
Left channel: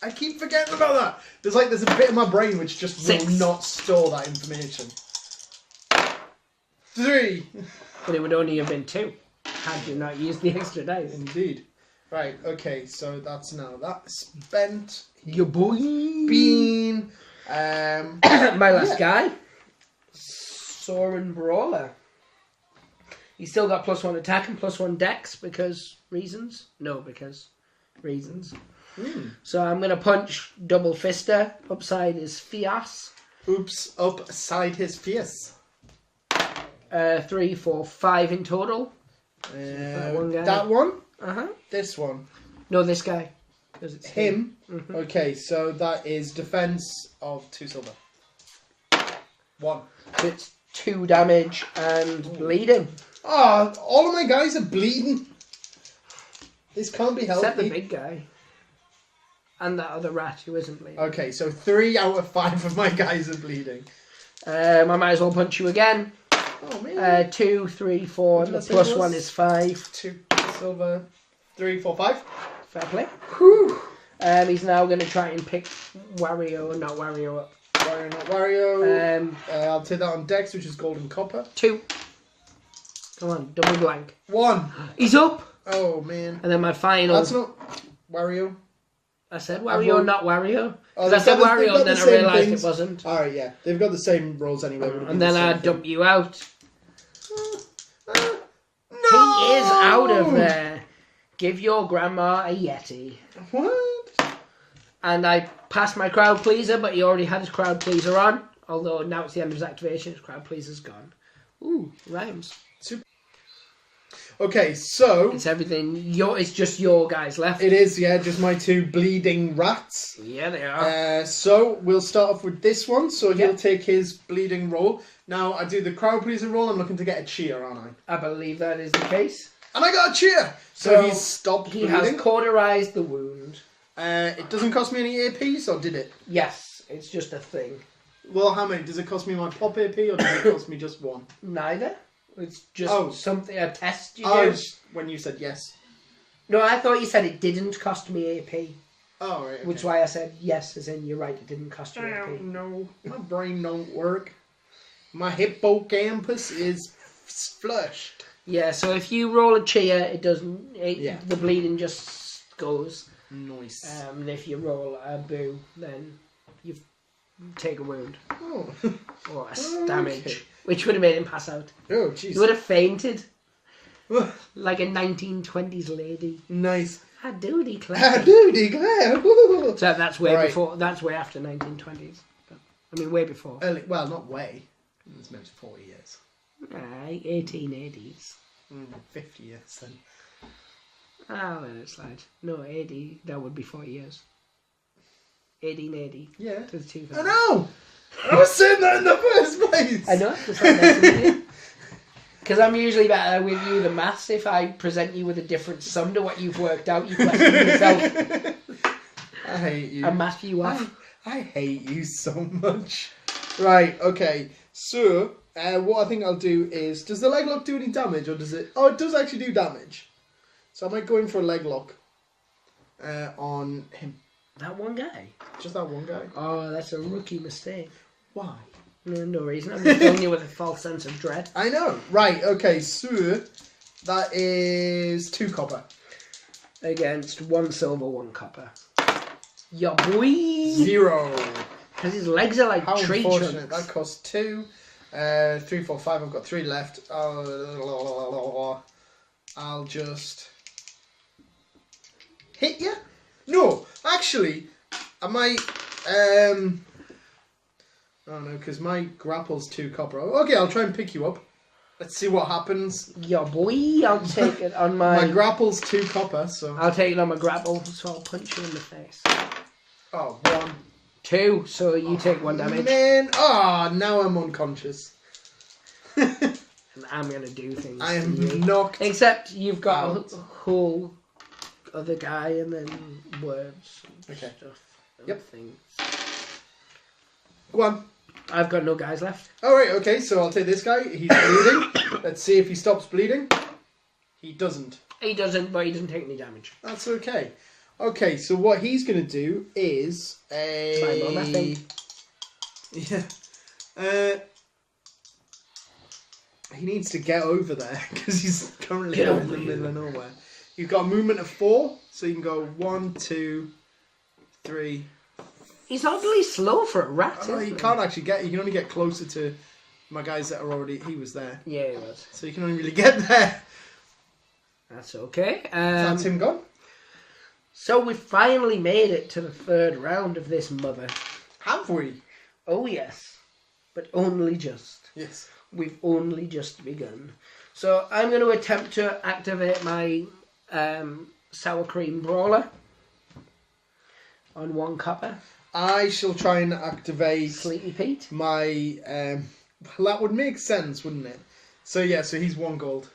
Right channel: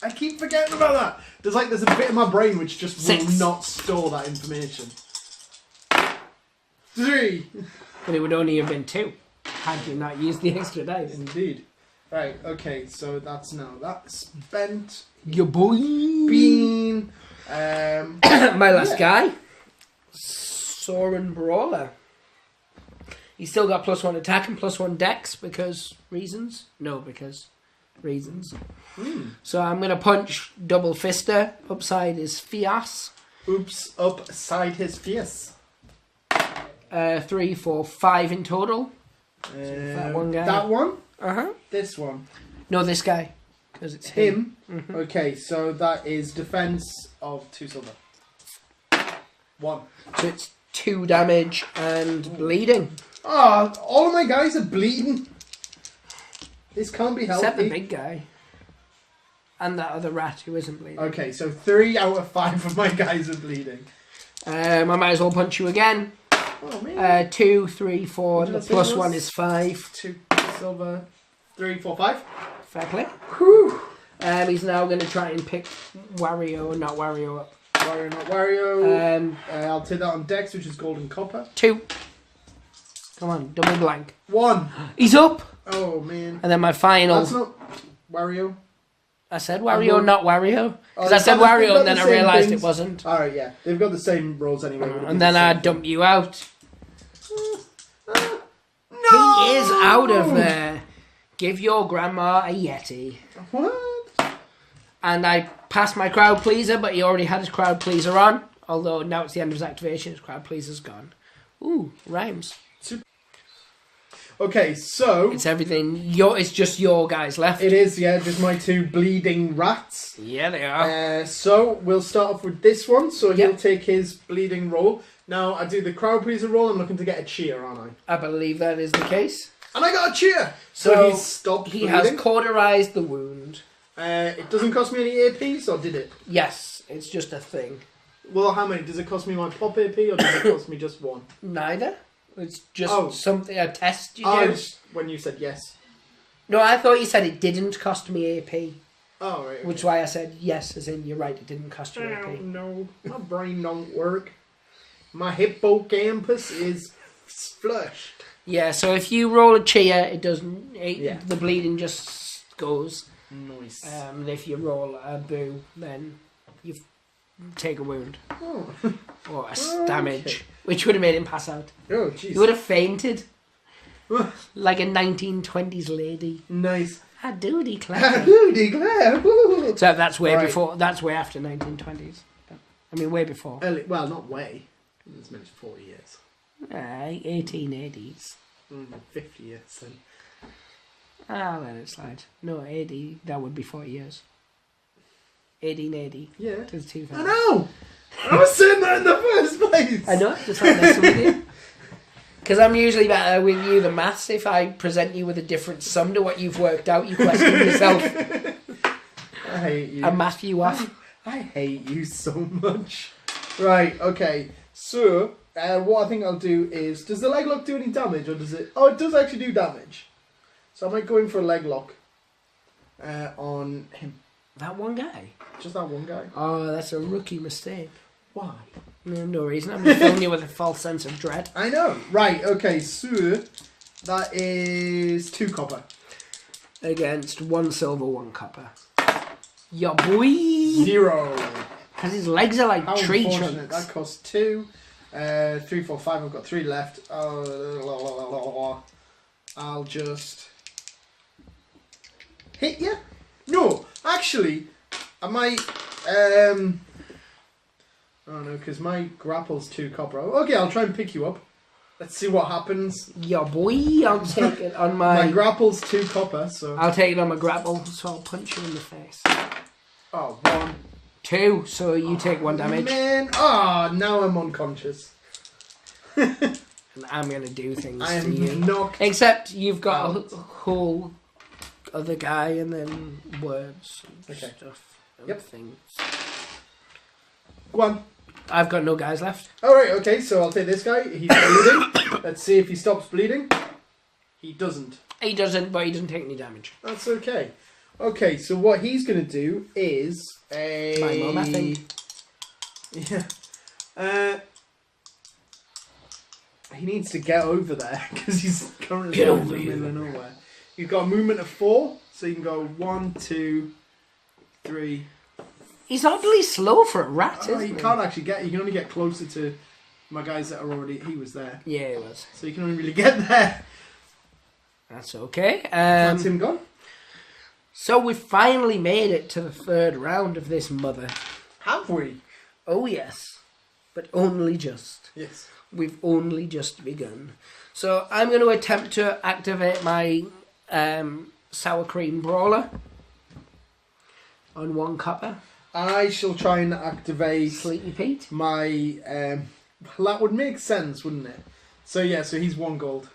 I keep forgetting about that. There's a bit in my brain which just 6. will not store that information. 3. But it would only have been 2 had you not used the extra dice. Indeed. Right, okay, so that's now that spent. Your boy. Bean. My last guy. Soren Brawler. He's still got +1 attack and +1 dex because reasons? No, because reasons. So I'm going to punch double fister upside his face. Oops, upside his face. 3, 4, 5 in total. That one guy. That one? Uh-huh. This one? No, this guy. Because it's Him? Mm-hmm. Okay, so that is defense of 2 silver. 1. So it's 2 damage and bleeding. Oh, all of my guys are bleeding. This can't be healthy. Except the big guy. And that other rat who isn't bleeding. Okay, so 3 out of 5 of my guys are bleeding. I might as well punch you again. Oh, man. 2, 3, 4, and the +1 is 5. 2 silver. 3, 4, 5. Fair play. Whew. He's now going to try and pick Wario, not Wario. Wario, not Wario. Um, I'll take that on Dex, which is gold and copper. 2. Come on, double blank. 1. He's up! Oh, man. And then my final... That's not Wario. I said Wario, not Wario. Because Oh, I said they've Wario got and then the I same realised things. it wasn't. Alright, yeah. They've got the same rolls anyway. And then I dump you out. No! He is out of there. Give your grandma a Yeti. What? And I passed my crowd pleaser, but he already had his crowd pleaser on. Although now it's the end of his activation, his crowd pleaser's gone. Ooh, rhymes. Okay, so... It's everything. It's just your guys left. It is, yeah, just my 2 bleeding rats. Yeah, they are. So, we'll start off with this one. So, he'll Yep. take his bleeding roll. Now, I do the crowd pleaser roll. I'm looking to get a cheer, aren't I? I believe that is the case. And I got a cheer! So he's stopped He bleeding. has cauterized the wound. It doesn't cost me any APs, or did it? Yes, it's just a thing. Well, how many? Does it cost me my pop AP, or does it cost me just 1? Neither. It's just something, a test you do. Oh, when you said yes. No, I thought you said it didn't cost me AP. Oh, right. Okay. Which is why I said yes, as in you're right, it didn't cost you AP. No, my brain don't work. My hippocampus is flushed. Yeah, so if you roll a cheer, it doesn't. The bleeding just goes. Nice. And if you roll a boo, then you take a wound Oh, or damage, which would have made him pass out. oh, He jeez. would have fainted like a 1920s lady. Nice. I do I declare. do declare. So that's way Right. before. That's way after 1920s. I mean, way before. Well, not way. It's meant 40 years. 1880s. 50 years then. I'll let it slide. No, 80. That would be 40 years. 1880 Yeah. to 2000. I know! I was saying that in the first place! I know. That's not messing with you. Because I'm usually better with you than maths. If I present you with a different sum to what you've worked out, you question yourself. I hate you. I math you off. I hate you so much. Right, okay. So, what I think I'll do is... Does the leg lock do any damage, or does it... Oh, it does actually do damage. So I might go in for a leg lock on him. That one guy? Just that one guy. Oh, that's a rookie mistake. Why? No reason. I'm just filling you with a false sense of dread. I know. Right, okay, so... That is 2 copper. Against 1 silver, 1 copper. Ya boy! 0. Because his legs are like How tree unfortunate. trunks. That costs 2. 3, 4, 5. I've got 3 left. I'll just hit you. No, actually, I might. I don't know, because my grapple's 2 copper. Okay, I'll try and pick you up. Let's see what happens. Ya boy! I'll take it on My my... grapple's 2 copper, so. I'll take it on my grapple, so I'll punch you in the face. Oh, 1. 2, so you take 1 damage. Man, now I'm unconscious. And I'm going to do things to you. I'm knocked. Except you've got out. a whole other guy and then words and Okay. stuff and Yep. things. Go on. I've got no guys left. Alright, okay, so I'll take this guy. He's bleeding. Let's see if he stops bleeding. He doesn't. He doesn't, but he doesn't take any damage. That's okay. Okay, so what he's going to do is My mum, I think. Yeah. He needs to get over there because he's currently Get in over the here. middle of nowhere. You've got a movement of 4, so you can go 1, 2, 3. He's oddly slow for a rat, Oh, isn't you he? can't actually get. You can only get closer to my guys that are already. He was there, Yeah, he was. so you can only really get there. That's okay. That's him gone. So we finally made it to the 3rd round of this mother. Have we? Oh yes, but only just. Yes. We've only just begun. So I'm going to attempt to activate my sour cream brawler on 1 copper. I shall try and activate Sleepy Pete. my. Well, that would make sense, wouldn't it? So yeah, so he's 1 gold.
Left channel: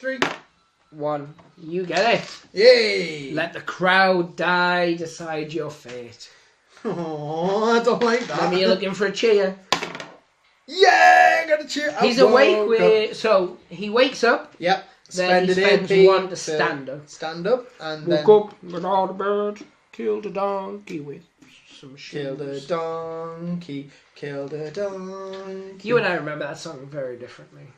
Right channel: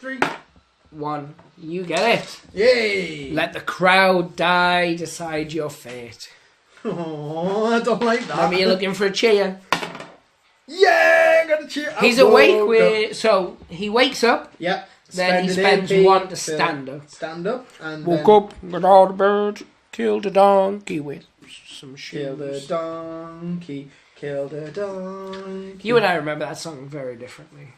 3. 1. You get it. Yay! Let the crowd die. Decide your fate. Oh, I don't like that. Maybe you're looking for a cheer. Yeah, I got a cheer. He's awake. So he wakes up. Yep. Then he spends AP 1 to stand up. Stand up and Woke then up, got all the birds, killed a donkey with some shoes. killed a donkey. Killed a donkey. You and I remember that song very differently.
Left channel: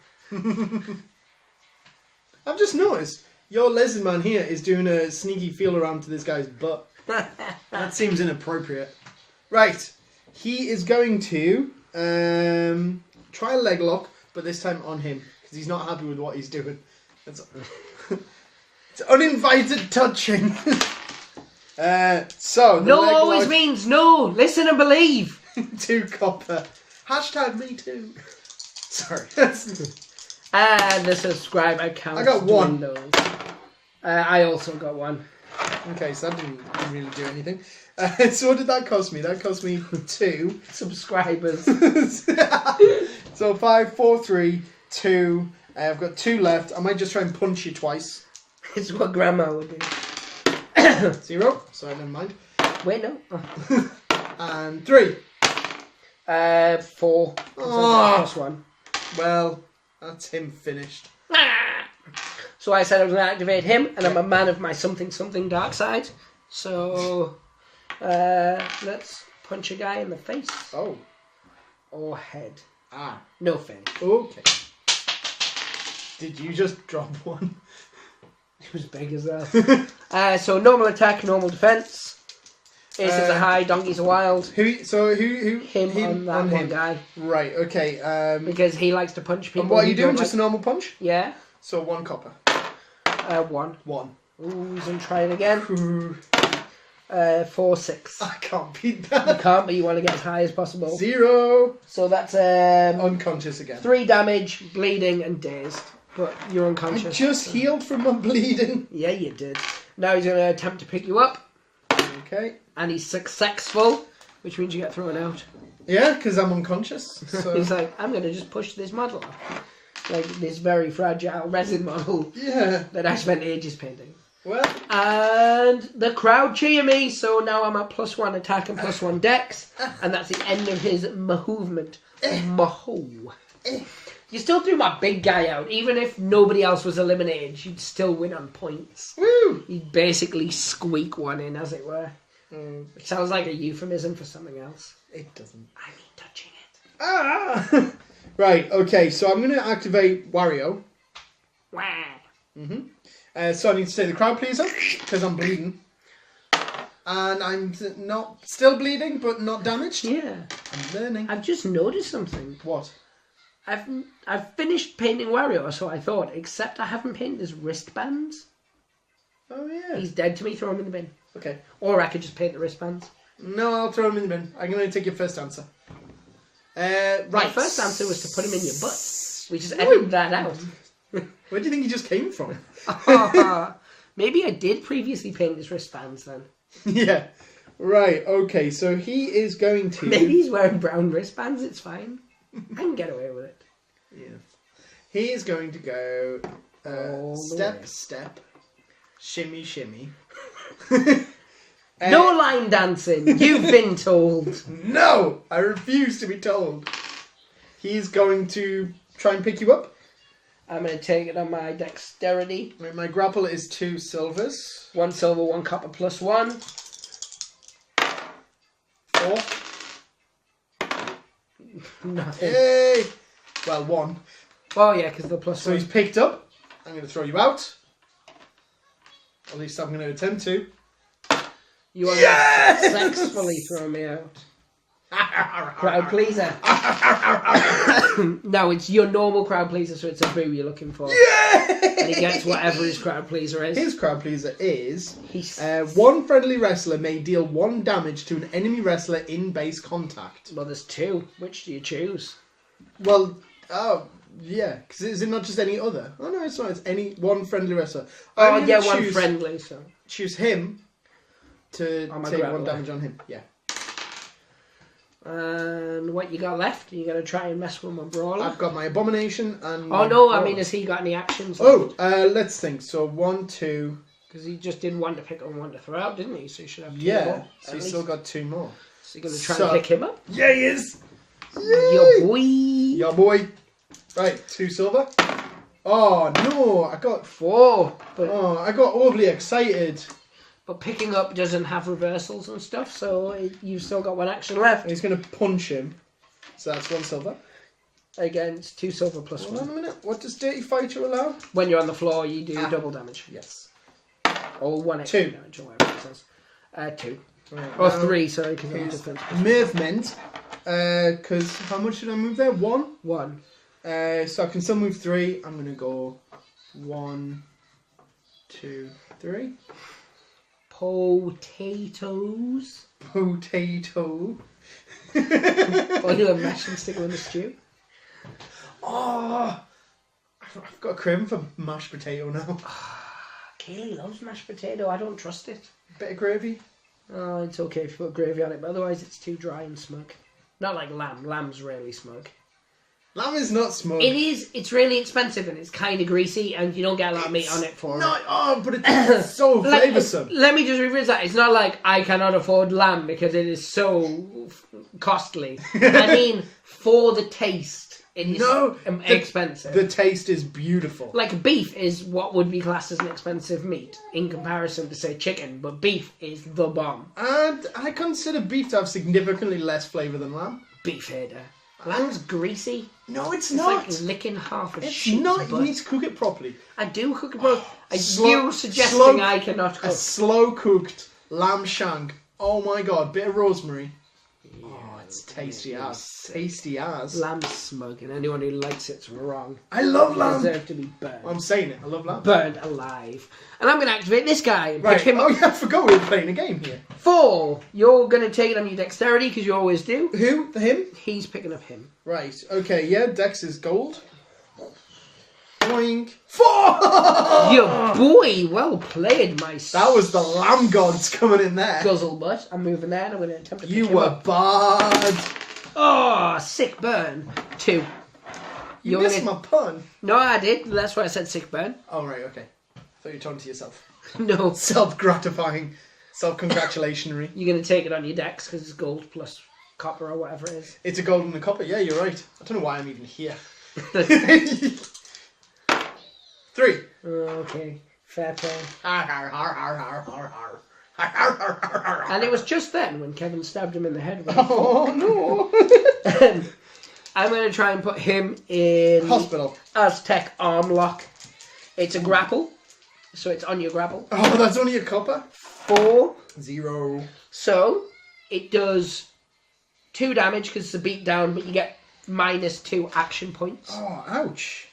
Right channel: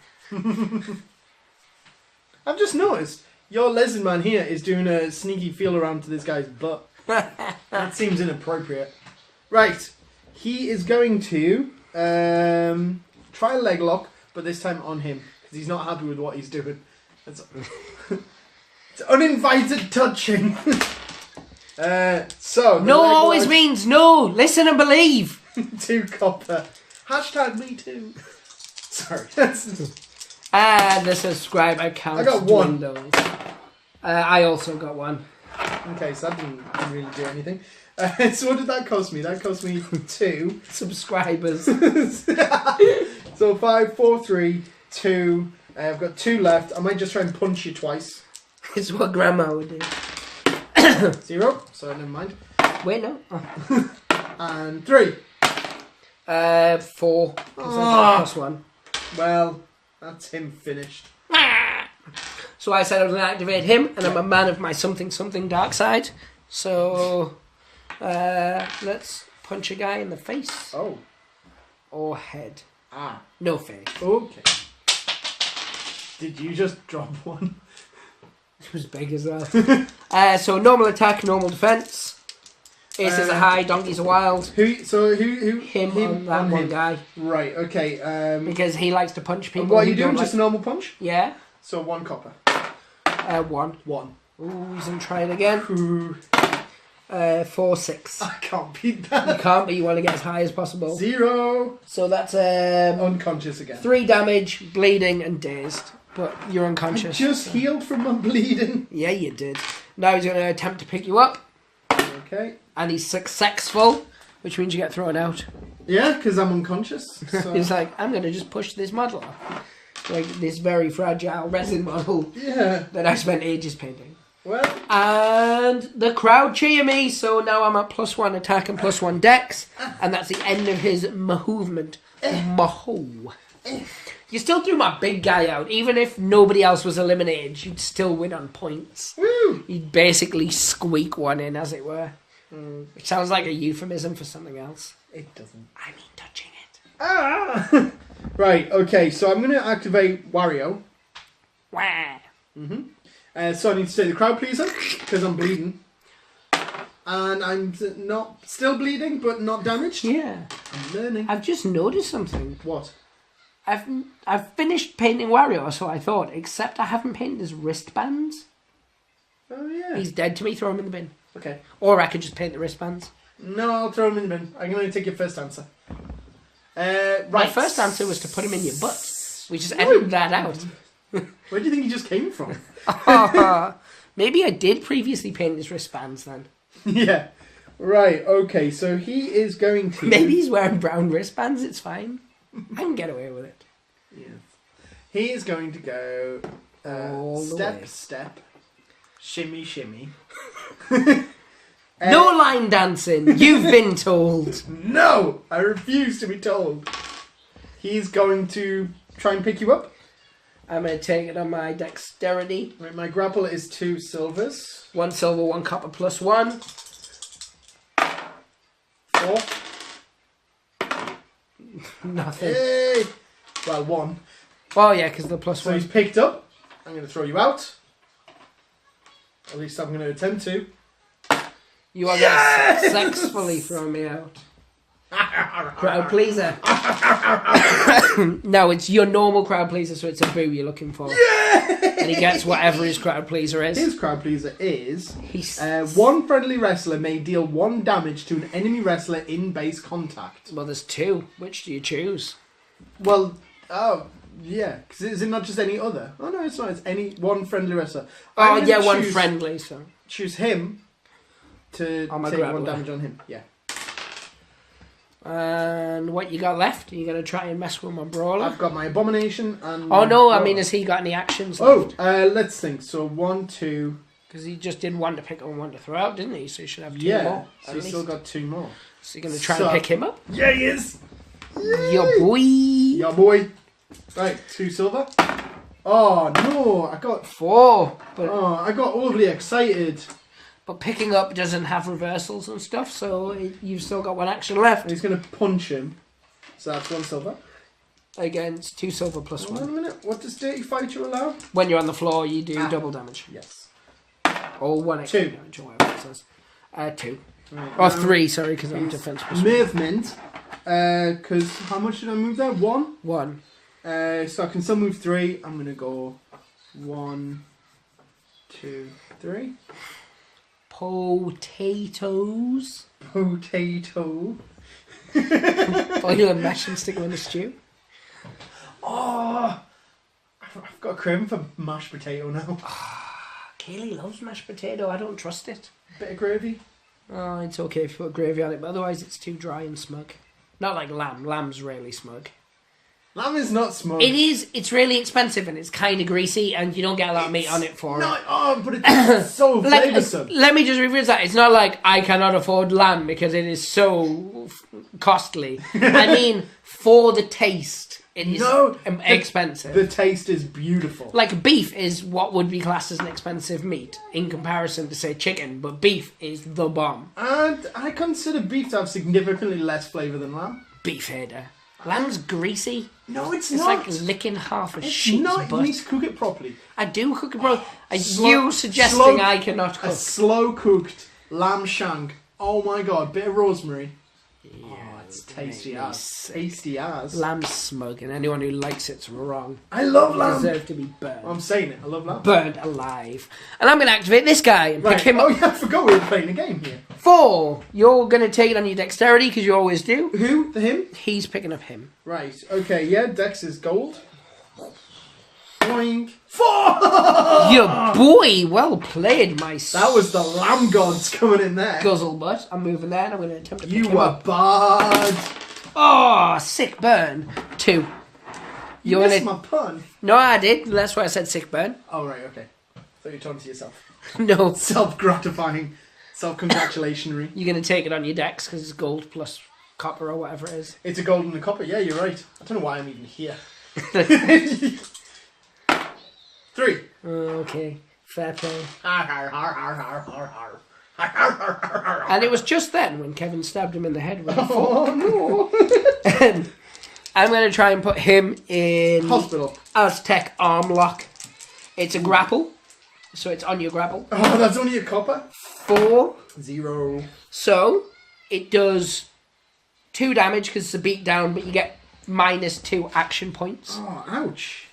I've just noticed your lizard man here is doing a sneaky feel around to this guy's butt. That seems inappropriate. Right, he is going to try a leg lock, but this time on him because he's not happy with what he's doing. It's uninvited touching. So the No leg always lock- means no. Listen and believe. 2 copper. Hashtag me too. Sorry. And the subscriber count I got 1. dwindles. I also got 1. Okay, so that didn't really do anything. So what did that cost me? That cost me 2. Subscribers. So 5, 4, 3, 2. I've got 2 left. I might just try and punch you twice. It's what Grandma would do. 0. So never mind. Wait, no. Oh. And 3. 4. Oh. Plus 1. Well, that's him finished. So I said I was going to activate him, and I'm a man of my something dark side. So let's punch a guy in the face. Oh. Or head. Ah. No face. Okay. Did you just drop 1? It was big as that. So normal attack, normal defense. Ace is a high, donkey's a wild. Who? Him on that one guy. Right. Okay. Because he likes to punch people. And what are who you doing? don't Just a normal punch? Yeah. So 1 copper. 1. 1. Ooh, he's gonna try it again. Ooh. 4, 6. I can't beat You that. can't, but you want to get as high as possible. 0. So that's Unconscious again. 3 damage, bleeding, and dazed. But you're I unconscious. just healed from my bleeding. Yeah, you did. Now he's gonna attempt to pick you up, Okay. and he's successful, which means you get thrown out. Yeah, because I'm unconscious. So. He's like, I'm gonna just push this model off. Like this very fragile resin model Yeah. that I spent ages painting. Well. And the crowd cheer me, so now I'm at +1 attack and +1 dex, and that's the end of his movement. Maho. You still threw my big guy out, even if nobody else was eliminated, you'd still win on points. Woo. You'd basically squeak one in, as it were. Mm, Which sounds like a euphemism for something else. it doesn't. I mean touching it. Ah. Right. Okay. So I'm going to activate Wario. Wah. So I need to say the crowd pleaser because I'm bleeding, and I'm not still bleeding, but not damaged. Yeah. I'm learning. I've just noticed something. What? I've finished painting Wario, so I thought, except I haven't painted his wristbands. Oh yeah. He's dead to me, throw him in the bin. Okay. Or I could just paint the wristbands. No, I'll throw him in the bin. I'm going to take your first answer. Right. My first answer was to put him in your butt. We just edited that out. Where do you think he just came from? Maybe I did previously paint his wristbands then. Yeah. Right. Okay. So he is going to. Maybe he's wearing brown wristbands, it's fine. I can get away with it. Yeah. He is going to go All the step, way. step, shimmy, shimmy. No line dancing, you've been told. No, I refuse to be told. He's going to try and pick you up. I'm going to take it on my dexterity. Right, my grapple is 2 silvers. 1 silver, 1 copper, +1. 4. Nothing. Hey! Well, 1. Oh yeah, because the +1. So he's picked up. I'm going to throw you out. At least I'm going to attempt to. You are successfully throwing me out. Crowd pleaser. No, it's your normal crowd pleaser, so it's a boo you're looking for. And he gets whatever his crowd pleaser is. His crowd pleaser is one friendly wrestler may deal 1 damage to an enemy wrestler in base contact. Well, there's 2. Which do you choose? Well, yeah, because is it not just any other? Oh no, it's not. It's any one friendly wrestler. Oh yeah, one friendly. So choose him to take 1 damage on him. Yeah. And what you got left? Are you going to try and mess with my brawler? I've got my abomination and... Oh no, I mean, has he got any actions left? Let's think. So 1, 2... Because he just did 1 to pick up and 1 to throw out, didn't he? So he should have 2 more. So he's still got 2 more. So you're going to try and pick him up? Yeah, he is! Your boy! Your boy! Right, 2 silver. Oh no, I got 4. But, I got overly excited. But picking up doesn't have reversals and stuff, so you've still got 1 action left. And he's going to punch him. So that's 1 silver. Against 2 silver plus 1. 1 minute. What does Dirty Fighter allow? When you're on the floor, you do double damage. Yes. Or 1 extra 2 damage, or whatever it says. 2. Right, or 3, sorry, because I'm defense plus 1. Movement. Because how much did I move there? 1? 1. So I can still move 3. I'm going to go 1, 2, 3. Potatoes. Potato. Boil and mash and stick them in the stew. Oh, I've got a craving for mashed potato now. Kaylee loves mashed potato. I don't trust it. Bit of gravy. Oh, it's okay if you put gravy on it, but otherwise it's too dry and smug. Not like lamb. Lamb's really smug. Lamb is not smug. It is. It's really expensive and it's kind of greasy, and you don't get a lot of meat on it for it. But it's so flavoursome. Let me just rephrase that. It's not like I cannot afford lamb because it is so costly. I mean, for the taste, it is expensive. The taste is beautiful. Like beef is what would be classed as an expensive meat in comparison to, say, chicken, but beef is the bomb. And I consider beef to have significantly less flavour than lamb. Beef hater. Lamb's greasy. No, it's It's not. like licking half a It's sheep's not. butt. You need to cook it properly. I do cook it properly. You suggesting I cannot cook? A slow cooked lamb shank. Oh my god, bit of rosemary. Yeah, it's tasty as. Tasty as. Lamb's smug, and anyone who likes it's wrong. I love lamb. Deserve to be burned. I'm saying it. I love lamb. Burned alive. And I'm going to activate this guy and pick him up. Oh yeah, I forgot we were playing a game here. 4. You're going to take it on your dexterity because you always do. Who? Him? He's picking up him. Right. Okay. Yeah. Dex is gold. Boing. 4. Your boy. Well played, my That was the lamb gods coming in there. guzzle butt. I'm moving there and I'm going to attempt to pick You him were up. bad. Oh, sick burn. 2. You missed my pun. No, I did. That's why I said sick burn. Oh right. Okay. Thought you were talking to yourself. No. Self-gratifying. Self-congratulationary. You're going to take it on your dex because it's gold plus copper or whatever it is. It's a gold and a copper. Yeah, you're right. I don't know why I'm even here. 3. Okay. Fair play. Har, har, har, har, har, har, har. And it was just then when Kevin stabbed him in the head with a Oh no! I'm going to try and put him in Hospital. Aztec arm lock. It's a grapple, so it's on your grapple. Oh, that's only a copper? 4. 0. So it does 2 damage because it's a beat down, but you get -2 action points. Oh, ouch.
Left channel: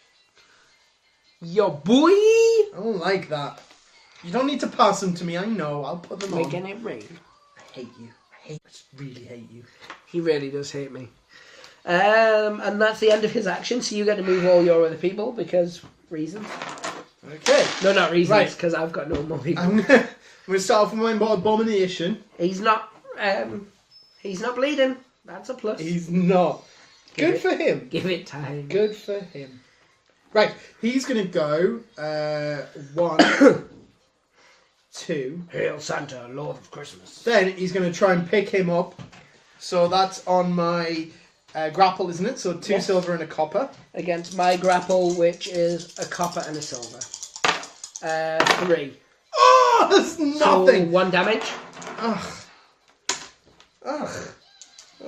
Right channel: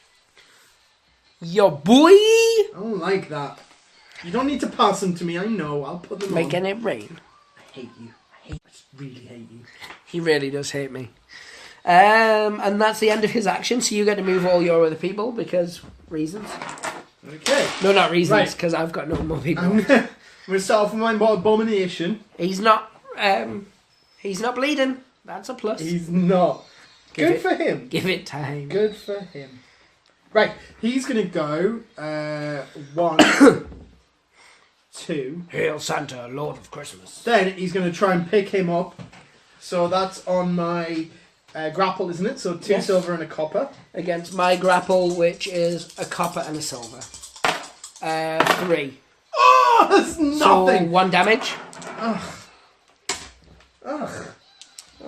Your boy! I don't like that. You don't need to pass them to me, I know. I'll put them Making on. it rain. I hate you. I really hate you. He really does hate me. And that's the end of his action, so you get to move all your other people because reasons. Okay. No, not reasons, Right. because I've got no more people. I'm going to start off with my abomination. He's not bleeding. That's a plus. He's not. Good for him. Give it time. Good for him. Right, he's going to go 1, 2. Hail Santa, Lord of Christmas. Then he's going to try and pick him up. So that's on my grapple, isn't it? So 2 silver and a copper. Against my grapple, which is a copper and a silver. 3. Oh, that's nothing. So 1 damage. Ugh. Oh,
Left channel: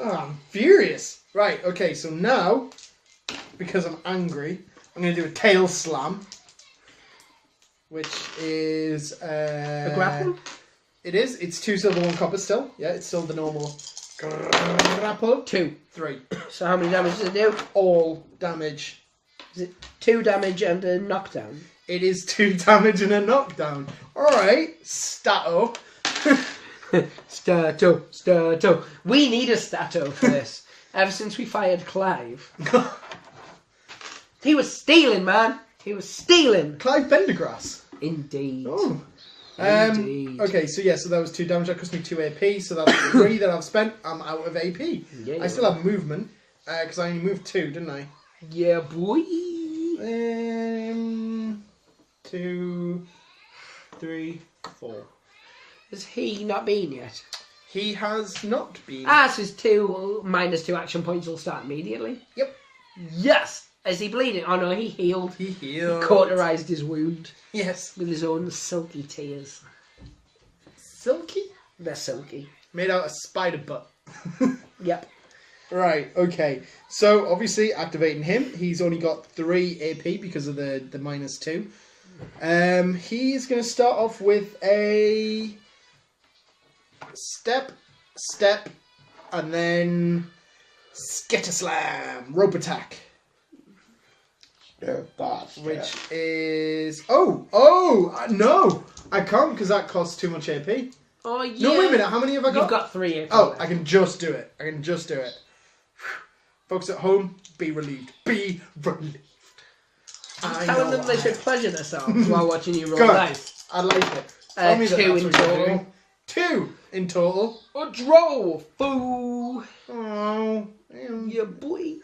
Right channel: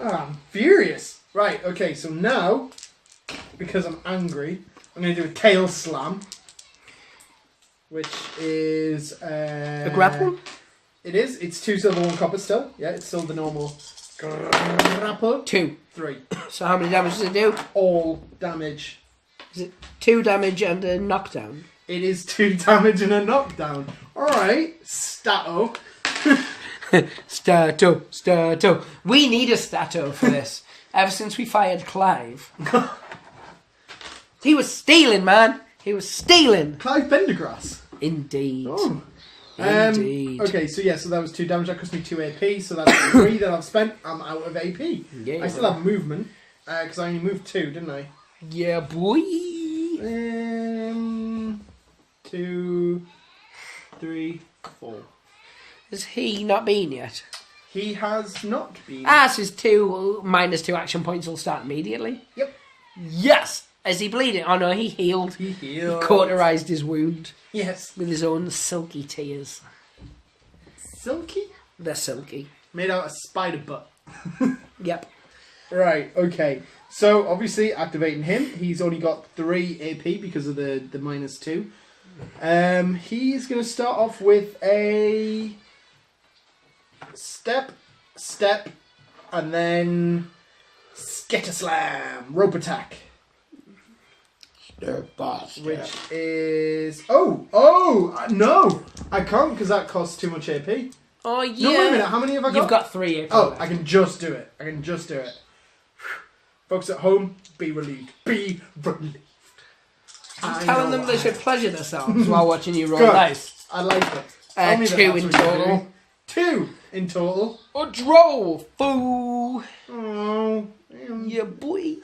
I'm furious. Right, okay, so now, because I'm angry, I'm going to do a tail slam. which is A grapple? It is. It's 2 silver, 1 copper still. Yeah, it's still the normal grapple. 2. 3. So how many damage does it do? All damage. Is it 2 damage and a knockdown? It is 2 damage and a knockdown. Alright, Stato. Stato. We need a Stato for this. Ever since we fired Clive. He was stealing, man. He was stealing. Clive Pendergrass. Indeed. Oh. Indeed. Okay, so yeah, so that was 2 damage. That cost me 2 AP. So that's 3 that I've spent. I'm out of AP. Yeah. I still have movement because I only moved 2, didn't I? Yeah, boy. 2, 3, 4. Has he not been yet? He has not been. So his 2 minus 2 action points will start immediately. Yep. Yes. Is he bleeding? Oh no, he healed. He healed. He cauterized his wound. Yes. With his own silky tears. Silky? They're silky. Made out of spider butt. Yep. Right, okay. So, obviously, activating him, he's only got 3 AP because of the minus 2. He's going to start off with a step, and then Skitter Slam, rope attack. Which is... no! I can't because that costs too much AP. Oh, yeah. No, wait a minute, how many have I got? You've got 3 AP. Oh, I can just do it. Folks at home, be relieved. Be relieved. Telling them they should pleasure themselves while watching you roll Good. dice. I like it. 2 in total. 2 in total. A draw, fool. Oh, Yeah, boy.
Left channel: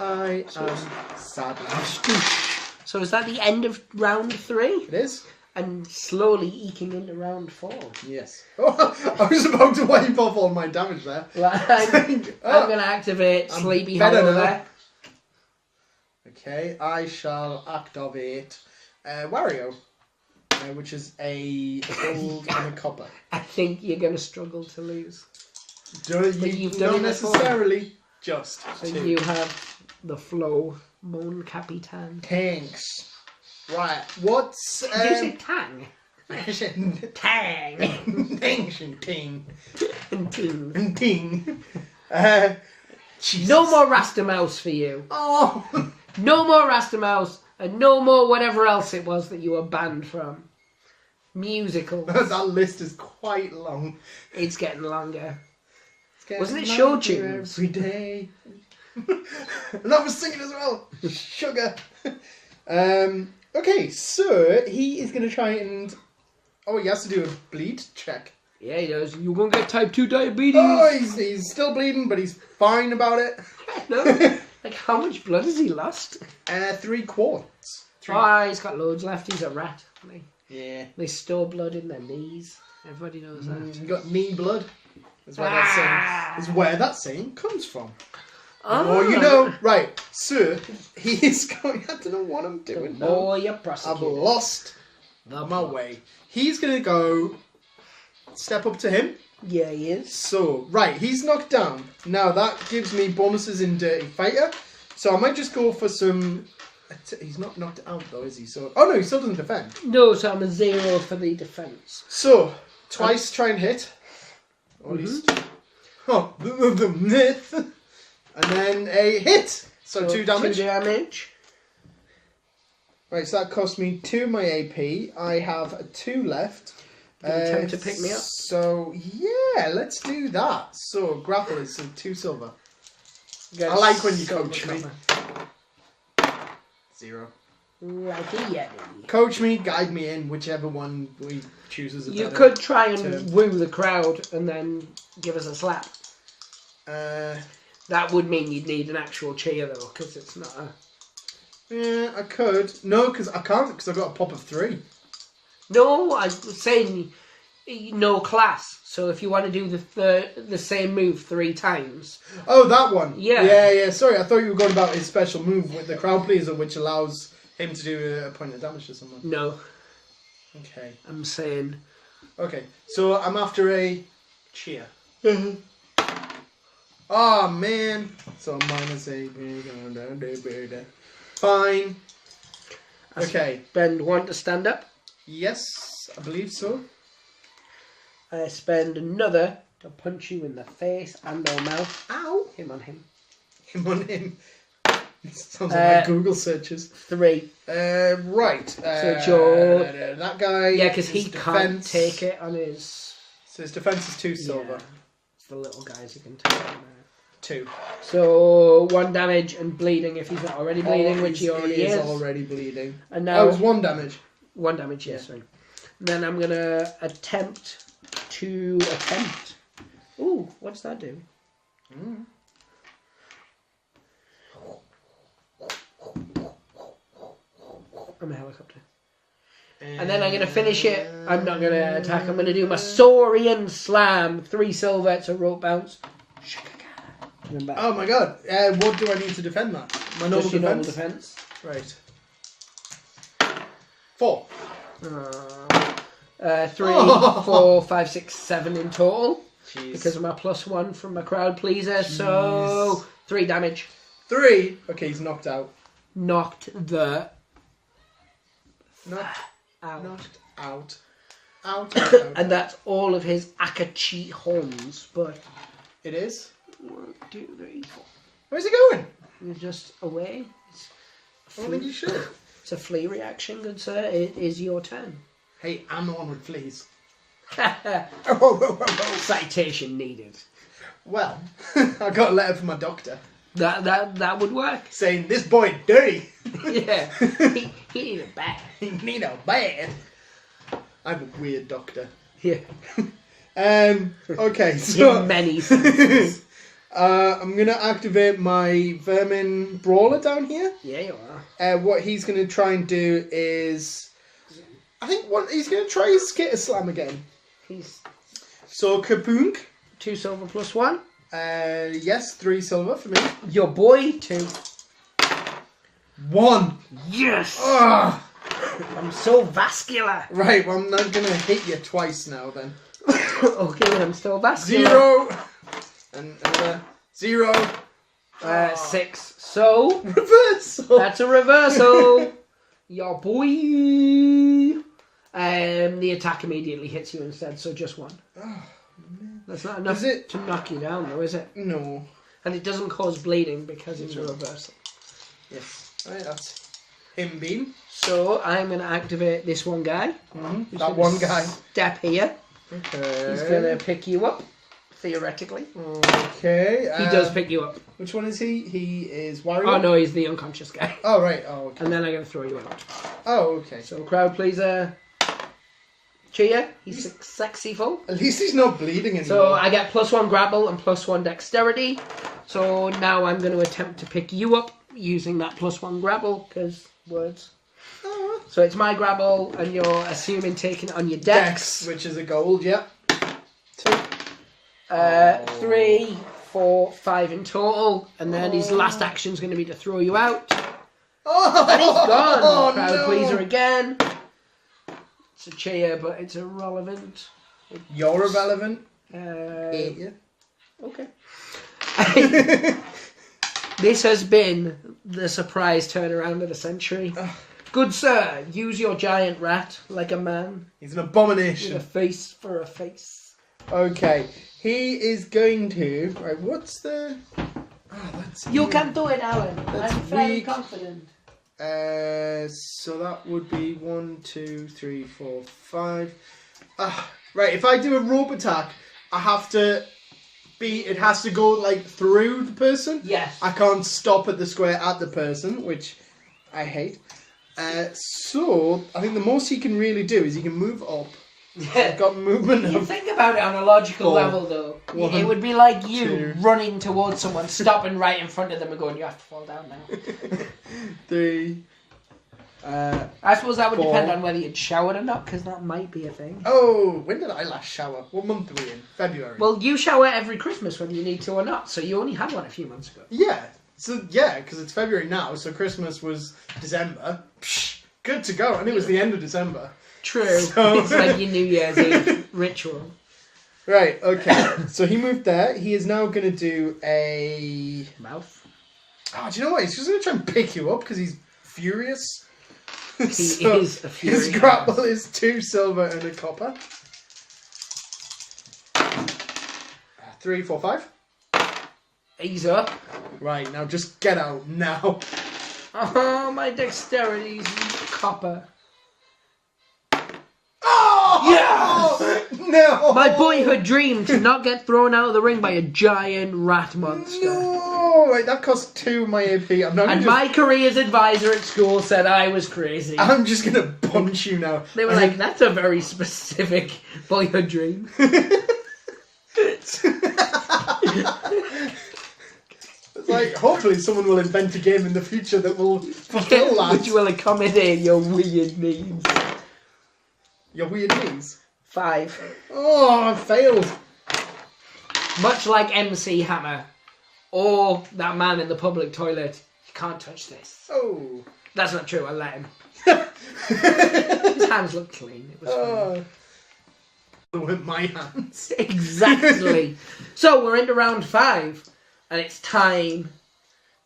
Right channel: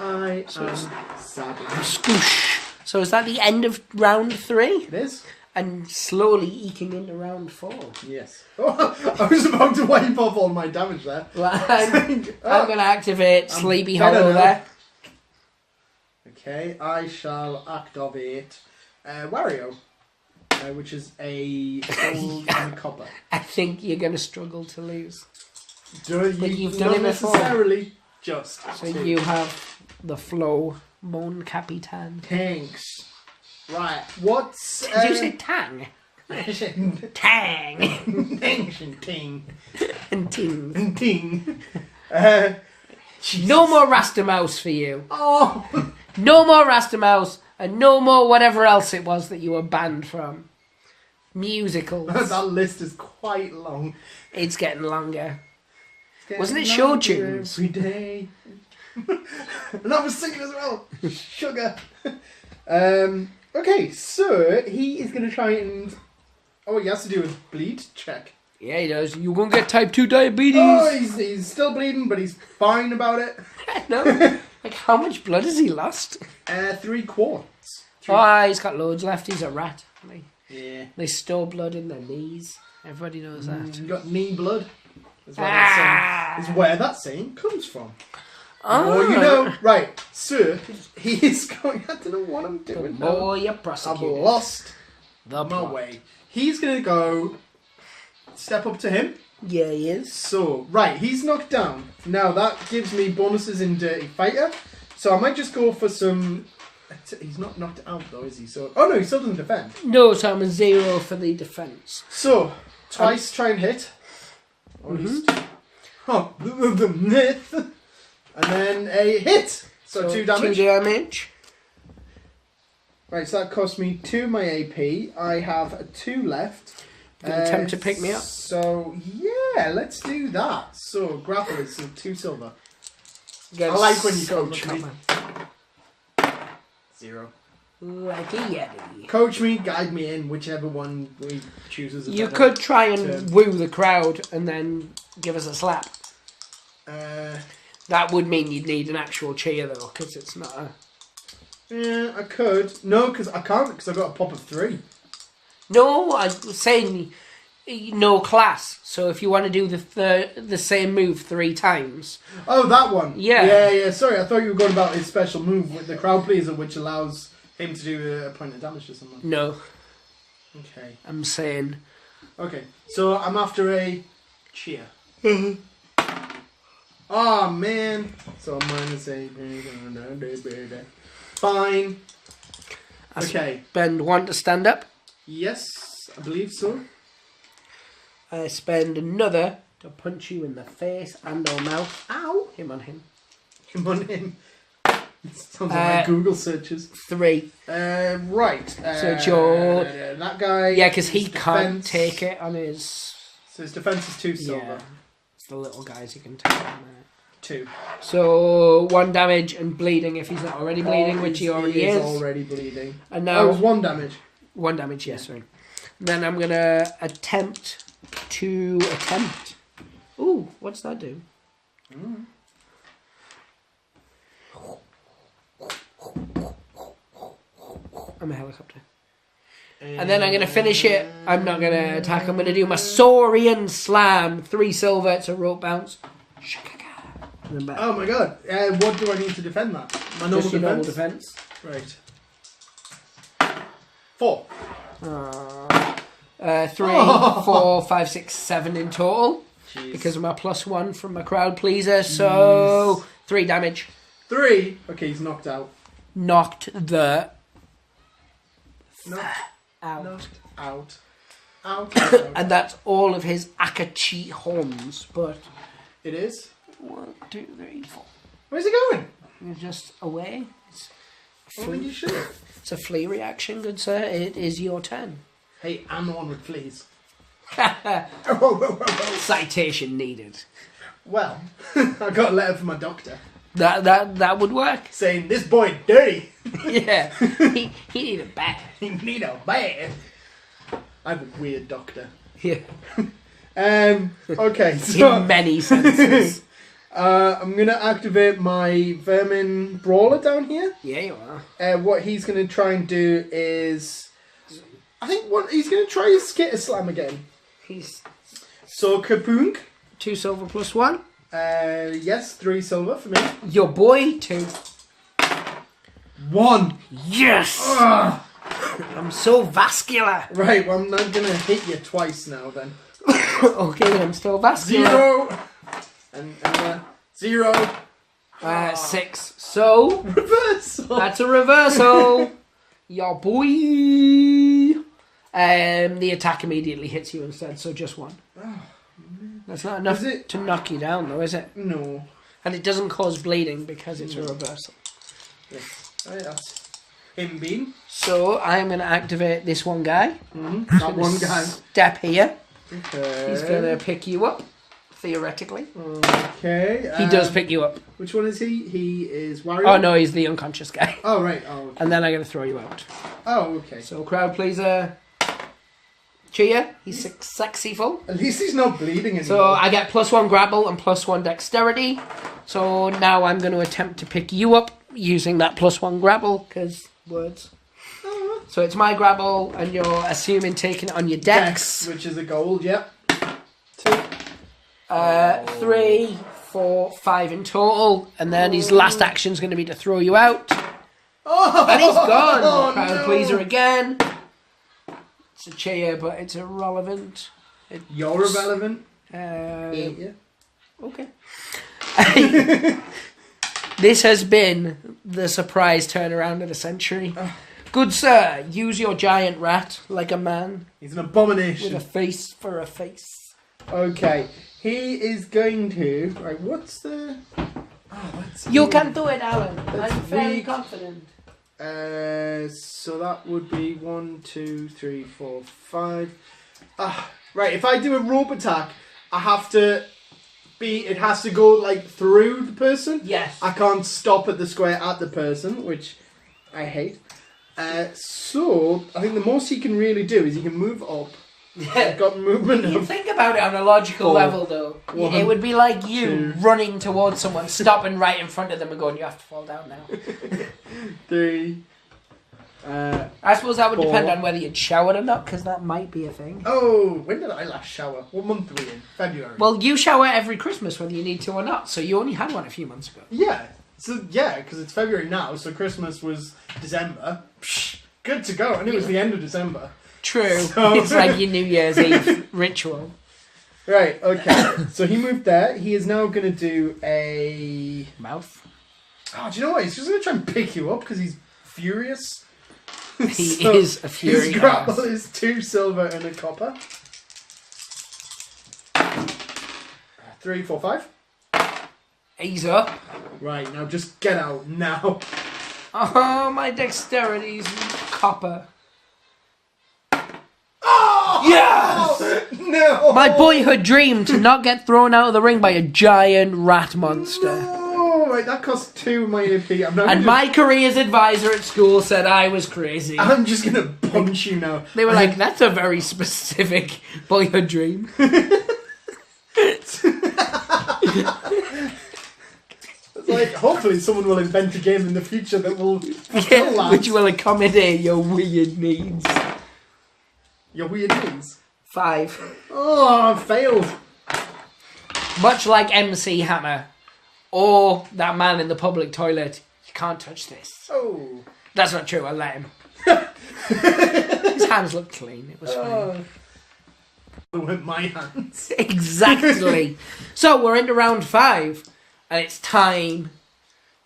I am sad. Scoosh. So is that the end of round 3? It is? And slowly eking into round 4. Yes. Oh, I was about to wipe off all my damage there. Well, I'm going to activate Sleepy better Hollow now. there. Okay, I shall activate Wario, which is a gold and a copper. I think you're going to struggle to lose. You've done not it before. necessarily just. So you have the flow, Mon Capitan. Thanks. Right, what's... Did you say tang? Tang. Ting. And ting. And ting. No more Rasta Mouse for you. Oh! No more Rasta Mouse, and no more whatever else it was that you were banned from. Musicals. That list is quite long. It's getting longer. It's Wasn't it getting show longer tunes? every day. And I was singing as well. Sugar. Okay, so he is going to try and... Oh, he has to do a bleed check. Yeah, he does. You're going to get type 2 diabetes. Oh, he's still bleeding, but he's fine about it. No. Like, how much blood has he lost? 3 quarts. He's got loads left. He's a rat. Yeah. They store blood in their knees. Everybody knows that. You got knee blood. Is where that saying comes from. Oh, you know. Right, so he is going... I don't know what I'm doing now. Oh, you're I've prosecuted. lost The my plot. way. He's going to go step up to him. Yeah, he is. So, right, he's knocked down. Now, that gives me bonuses in Dirty Fighter. So, I might just go for some... He's not knocked out, though, is he? So, oh, no, he still doesn't defend. No, so I'm a 0 for the defence. So, twice try and hit. Or at least... Oh, the myth. And then a hit. So 2 damage. 2 damage. Right, so that cost me 2 my AP. I have 2 left. Do you attempt to pick me up? So, yeah, let's do that. So, grapple is 2 silver. Go I like when you silver coach me. cover. 0. Like a yeti. Coach me, guide me in, whichever one we choose as a You better could try and term. woo the crowd and then give us a slap. That would mean you'd need an actual cheer, though, because it's not a... Yeah, I could. No, because I can't, because I've got a pop of 3. No, I was saying no class. So if you want to do the same move 3 times... Oh, that one. Yeah. Yeah. Sorry, I thought you were going about his special move with the crowd pleaser, which allows him to do a point of damage to someone. No. Okay. I'm saying... Okay, so I'm after a cheer. Oh, man. So minus 8. Fine. Okay. Ben, want to stand up? Yes, I believe so. I spend another to punch you in the face and or mouth. Ow! Him on him. Him on him. Sounds like Google searches. 3. Right. So it's your... that guy... Yeah, because he his can't defense- take it on his... So his defense is 2 silver. Yeah. It's the little guys he can take on there. 2. So 1 damage and bleeding if he's not already bleeding, which he already is. Already bleeding. And now... Oh, it was 1 damage. 1 damage, yes, sorry. And then I'm going to attempt. Ooh, what's that do? I'm a helicopter. And then I'm going to finish it. I'm not going to attack. I'm going to do my Saurian Slam. 3 silver. It's a rope bounce. Oh my god. What do I need to defend that? My normal Just your normal defense? defense. Right. 4. 3, 4, 5, 6, 7 in total. Jeez. Because of my +1 from my crowd pleaser. So 3 damage. 3. Okay, he's knocked out. Knocked the Knocked out. Out. And that's all of his Akachi horns. But It is. 1, 2, 3, 4. Where's he going? You're just away. It's a Well, then you should. It's a flea reaction, good sir. It is your turn. Hey, I'm on with fleas. Citation needed. Well, I got a letter from my doctor That would work. saying this boy dirty. Yeah. He needed a bath. He need a bath. I have a weird doctor. Yeah. Okay, so In many senses. I'm gonna activate my vermin brawler down here. Yeah, you are. What he's gonna try and do is, I think he's gonna try his skitter slam again. He's So Kapoonk. 2 silver +1. Yes, 3 silver for me. Your boy 2. 1. Yes. Ugh. I'm so vascular. Right, well I'm not gonna hit you twice now then. Okay, I'm still vascular. 0 and 0. 6. So Reversal. that's a reversal. Your boy. The attack immediately hits you instead, so just 1. That's not enough Is it? to knock you down, though, is it? No. And it doesn't cause bleeding because it's a reversal. Yes. Right, that's him beam. So I'm going to activate this one guy. That one guy. Step here. Okay. He's going to pick you up, theoretically. Okay. He does pick you up. Which one is he? He is Wario? Oh, no, he's the unconscious guy. Oh, right. Oh, okay. And then I'm going to throw you out. Oh, okay. So crowd pleaser. Cheer. He's sexyful. At least he's not bleeding anymore. So I get +1 grapple and +1 dexterity. So now I'm going to attempt to pick you up using that +1 grapple, because words. Oh. So it's my grapple, and you're assuming taking it on your dex. Which is a gold, yep. 2. 3, 4, 5 in total. And then his last action's going to be to throw you out. Oh, And he's gone. Crowd no. pleaser again. It's a cheer, but it's irrelevant. You're irrelevant. Ain't you? Okay. This has been the surprise turnaround of the century. Good sir, use your giant rat like a man He's an with abomination. a face for a face. Okay. He is going to... Right, what's the... Oh, that's... You can do it, Alan. That's I'm very weak. confident. So that would be 1, 2, 3, 4, 5. Right, if I do a rope attack, I have to be... It has to go, like, through the person. Yes. I can't stop at the square at the person, which I hate. So, I think the most he can really do is he can move up. I've got movement You of... think about it on a logical 4, level, though. 1, It would be like you 2. running towards someone, stopping right in front of them and going, you have to fall down now. 3... I suppose that would 4. depend on whether you'd showered or not, because that might be a thing. Oh, when did I last shower? What month are we in? February. Well, you shower every Christmas whether you need to or not, so you only had one a few months ago. Yeah. So, yeah, because it's February now, so Christmas was December. Psh, good to go. And it was the end of December. True. So- It's like your New Year's Eve ritual. Right, okay. So he moved there. He is now going to do a... Mouth. Oh, do you know what? He's just going to try and pick you up because he's furious. He is a fury. His grapple is 2 silver and a copper. 3, 4, 5. He's up. Right, now just get out now. Oh, my dexterity's copper. Oh! Yes! No! My boyhood dream to not get thrown out of the ring by a giant rat monster. No! Right, that cost 2 of my AP. And my careers advisor at school said I was crazy. I'm just gonna punch you now. They were like, that's a very specific boyhood dream. It's like, hopefully someone will invent a game in the future that will fulfill that. Which will accommodate your weird needs. Your weird needs? 5. Oh, I failed. Much like MC Hammer. Or that man in the public toilet. You can't touch this. Oh. That's not true, I let him. His hands look clean, it was fine. With my hands. Exactly. So we're into round 5. And it's time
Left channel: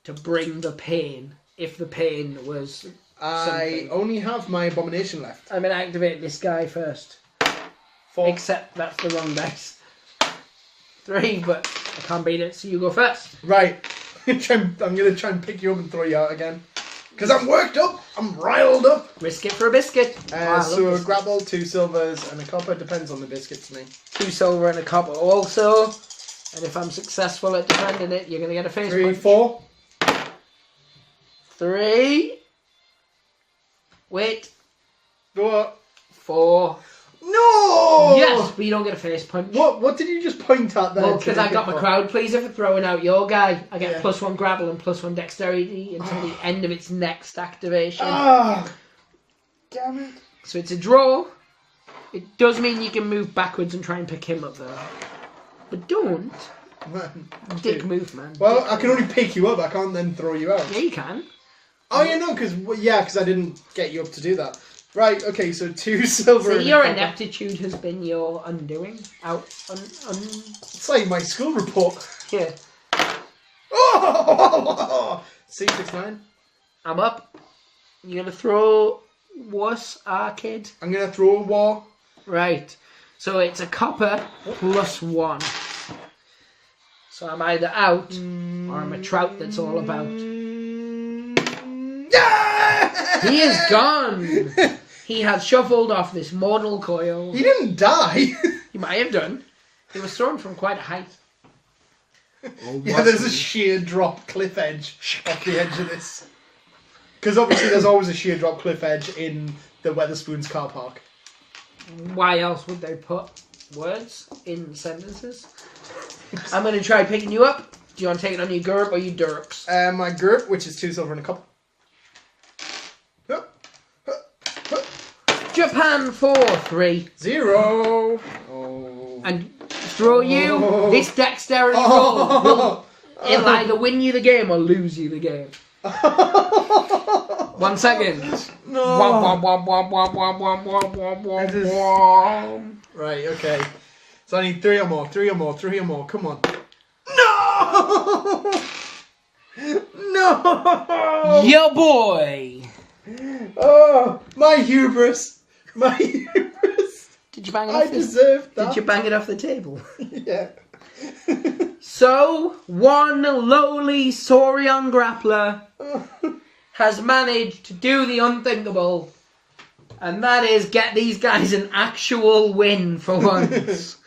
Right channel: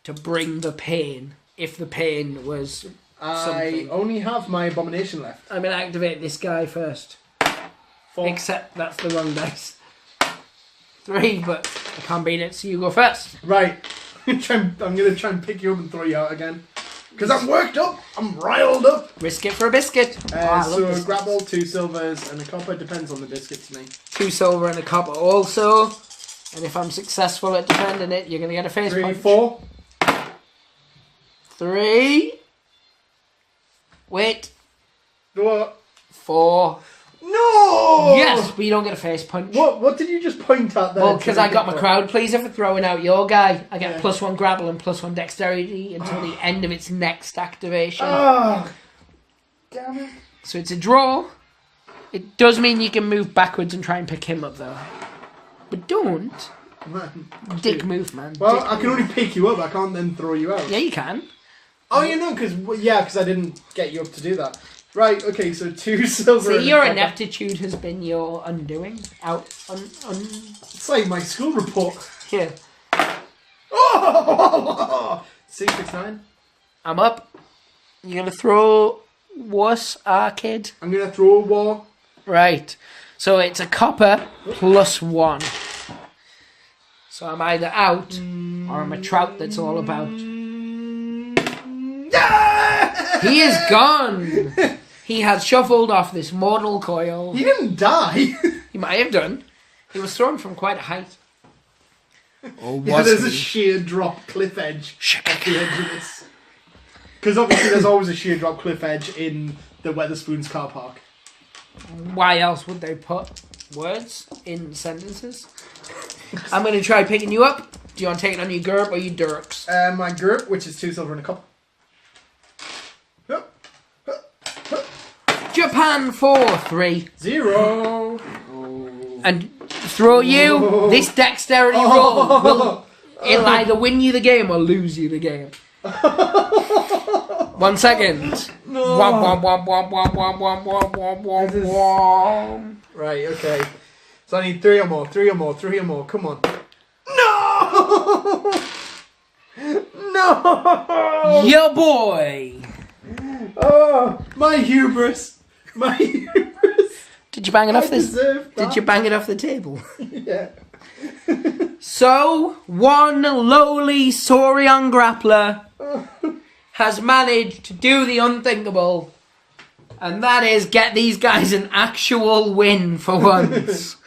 to bring the pain. If the pain was something. I only have my abomination left. I'm going to activate this guy first. 4. Except that's the wrong dice. 3, but I can't beat it, so you go first. Right. I'm going to try and pick you up and throw you out again. Because I'm worked up. I'm riled up. Risk it for a biscuit. So a grapple, 2 silvers, and a copper. Depends on the biscuit to me. 2 silver and a copper also. And if I'm successful at defending it, you're going to get a face 3, punch. 4. 3. Wait. What? 4. No! Yes, but you don't get a face punch. What did you just point at there? Well, because I got my crowd pleaser for throwing out your guy. I get Yeah. +1 grapple and +1 dexterity until the end of its next activation. Oh, damn it. So it's a draw. It does mean you can move backwards and try and pick him up though. But don't. Man. Dick move, man. Well, Dick I can move. only pick you up. I can't then throw you out. Yeah, you can. Oh, yeah, no, because I didn't get you up to do that. Right, okay, so 2 silver. So and your copper. ineptitude has been your undoing. It's like my school report. Yeah. Oh! C69. I'm up. You're going to throw wuss, kid? I'm going to throw a war. Right. So it's a copper +1. So I'm either out or I'm a trout that's all about. Yeah! He is gone. He has shuffled off this mortal coil. He didn't die. He might have done. He was thrown from quite a height. Or Yeah, was there's a he? sheer drop cliff edge at the edge of this. Because obviously there's always a sheer drop cliff edge in the Weatherspoons car park. Why else would they put words in sentences? I'm going to try picking you up. Do you want to take it on your GURP or your dirks? My GURP, which is 2 silver and a copper. Japan 4-3. 0. Oh. And throw you. This dexterity roll will it'll either win you the game or lose you the game. 1 second. No. Womp, womp, womp, womp, womp, womp, womp, womp, womp, womp, womp. Right, okay. So I need 3 or more, 3 or more, 3 or more. Come on. No! No! Your boy. Oh, my hubris. My hubris. Did you bang it I off this? deserve that. Did you bang it off the table? Yeah. So, one lowly Saurian grappler has managed to do the unthinkable, and that is get these guys an actual win for once.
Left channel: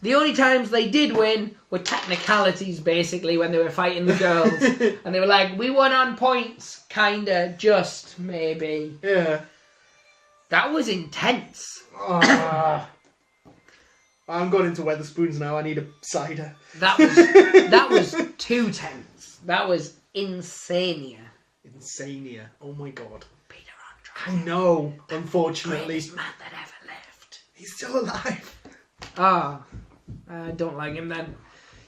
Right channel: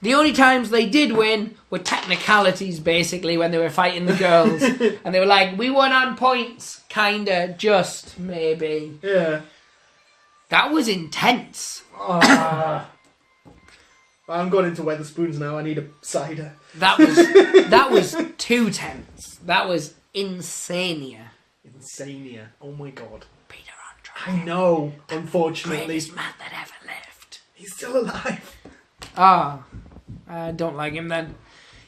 The only times they did win were technicalities, basically, when they were fighting the girls. And they were like, we won on points, kinda, just, maybe. Yeah. That was intense. I'm going into Weatherspoons now. I need a cider. That was too tense. That was insania. Insania. Oh my god. Peter I Andre. know, unfortunately. Greatest man that ever lived. He's still alive. Ah, I don't like him then.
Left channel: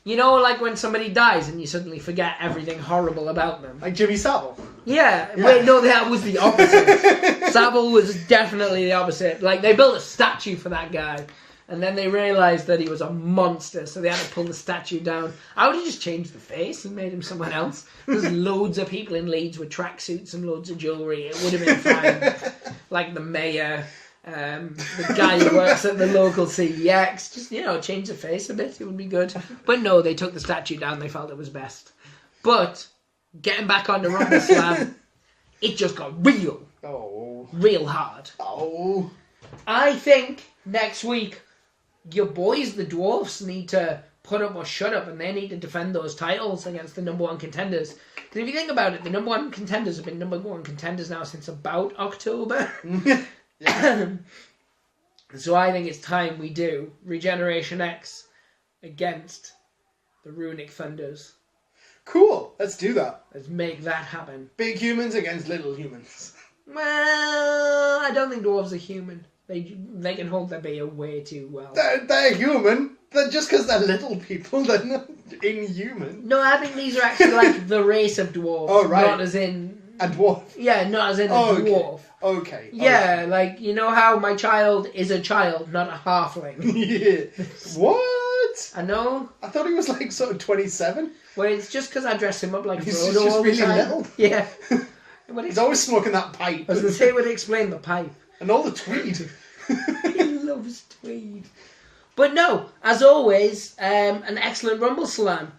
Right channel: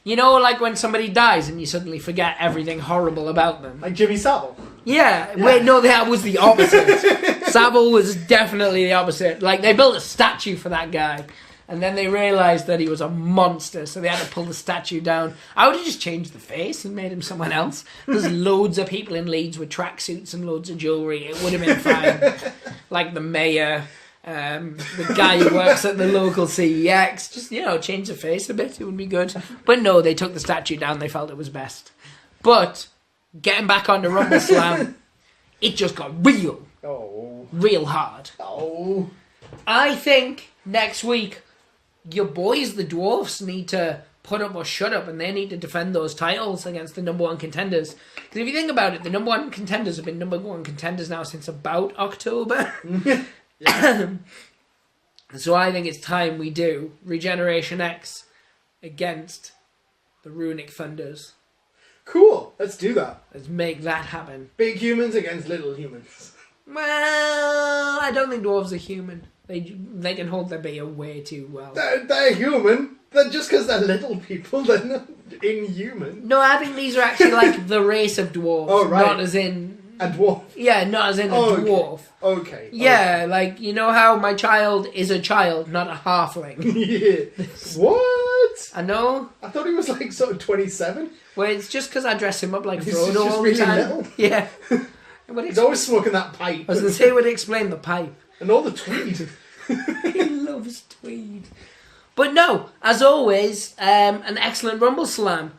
You know, like when somebody dies and you suddenly forget everything horrible about them. Like Jimmy Savile. Yeah, wait, no, that was the opposite. Savile was definitely the opposite. Like, they built a statue for that guy. And then they realised that he was a monster, so they had to pull the statue down. I would have just changed the face and made him someone else. There's loads of people in Leeds with tracksuits and loads of jewellery. It would have been fine. Like the mayor, the guy who works at the local CEX. Just, change the face a bit. It would be good. But no, they took the statue down. They felt it was best. But getting back on the Rumbleslam, it just got real. Oh. Real hard. Oh. I think next week, your boys, the dwarfs, need to put up or shut up, and they need to defend those titles against the number one contenders. Because if you think about it, the number one contenders have been number one contenders now since about October. So I think it's time we do Regeneration X against the Runic Thunders. Cool. Let's do that. Let's make that happen. Big humans against little humans. Well, I don't think dwarves are human. They can hold their beer way too well. They're human. Just because they're little people, they're not inhuman. No, I think these are actually like the race of dwarves. Oh, right. Not as in... A dwarf? Yeah, not as in a dwarf. Okay. Yeah, like, you know how my child is a child, not a halfling? Yeah. What? I know. I thought he was like sort of 27. Well, it's just because I dress him up like He's Frodo just all the really time. little. Yeah. He's always smoking that pipe. I was going to say, it would explain the pipe. And all the tweed. He loves tweed. But no, as always, an excellent Rumbleslam.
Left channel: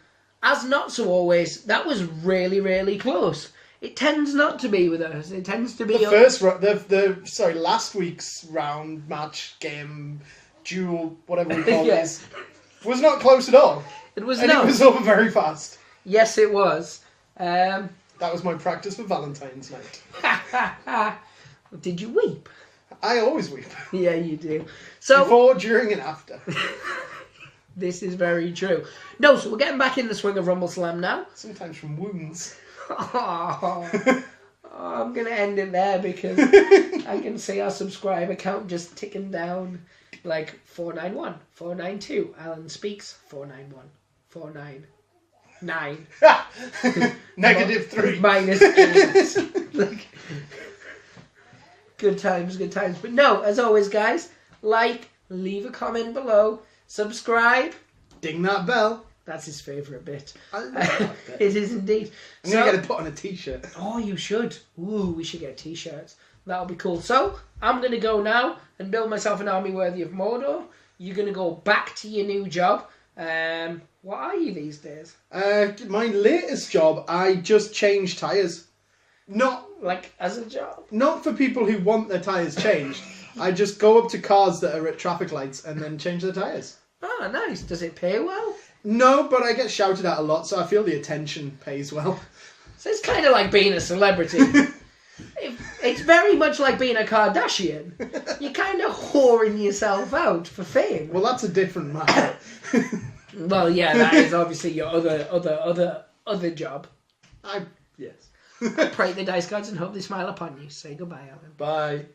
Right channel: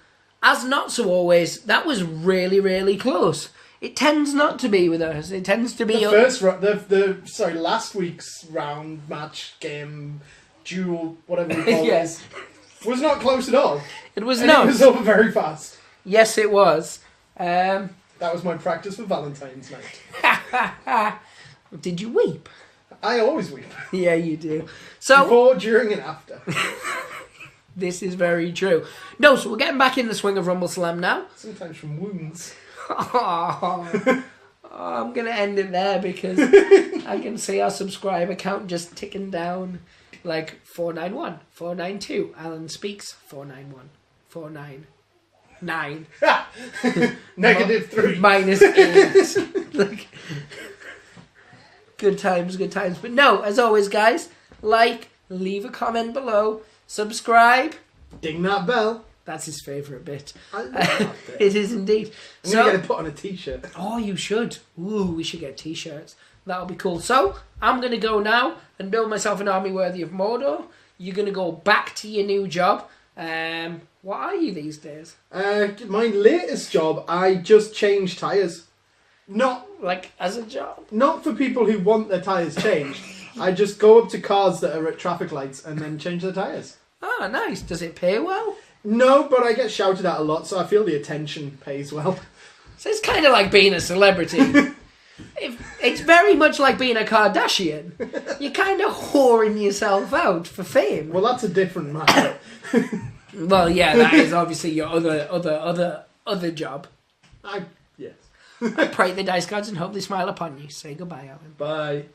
As not so always, that was really, really close. It tends not to be with us. It tends to be... last week's round, match, game, duel, whatever we call it, was not close at all. It was It not. was over very fast. Yes, it was. That was my practice for Valentine's night. Did you weep? I always weep. Yeah, you do. So before, during, and after. This is very true. No, so we're getting back in the swing of Rumbleslam now. Sometimes from wounds. Oh, I'm going to end it there because I can see our subscriber count just ticking down. Like 491, 492. Alan speaks 491, 499. -3. -8. Like, good times. But no, as always, guys, leave a comment below, subscribe. Ding that bell. That's his favourite bit. I love that bit. It is indeed. I'm going to get it put on a t-shirt. Oh, you should. Ooh, we should get t-shirts. That'll be cool. So, I'm going to go now and build myself an army worthy of Mordor. You're going to go back to your new job. What are you these days? My latest job, I just change tyres. Not like as a job? Not for people who want their tyres changed. I just go up to cars that are at traffic lights and then change their tyres. Oh, nice. Does it pay well? No, but I get shouted at a lot, so I feel the attention pays well. So it's kind of like being a celebrity. It's very much like being a Kardashian. You're kind of whoring yourself out for fame. Well, that's a different matter. Well, yeah, that is obviously your other job. Yes. I pray the dice gods and hope they smile upon you. Say goodbye, Alan. Bye.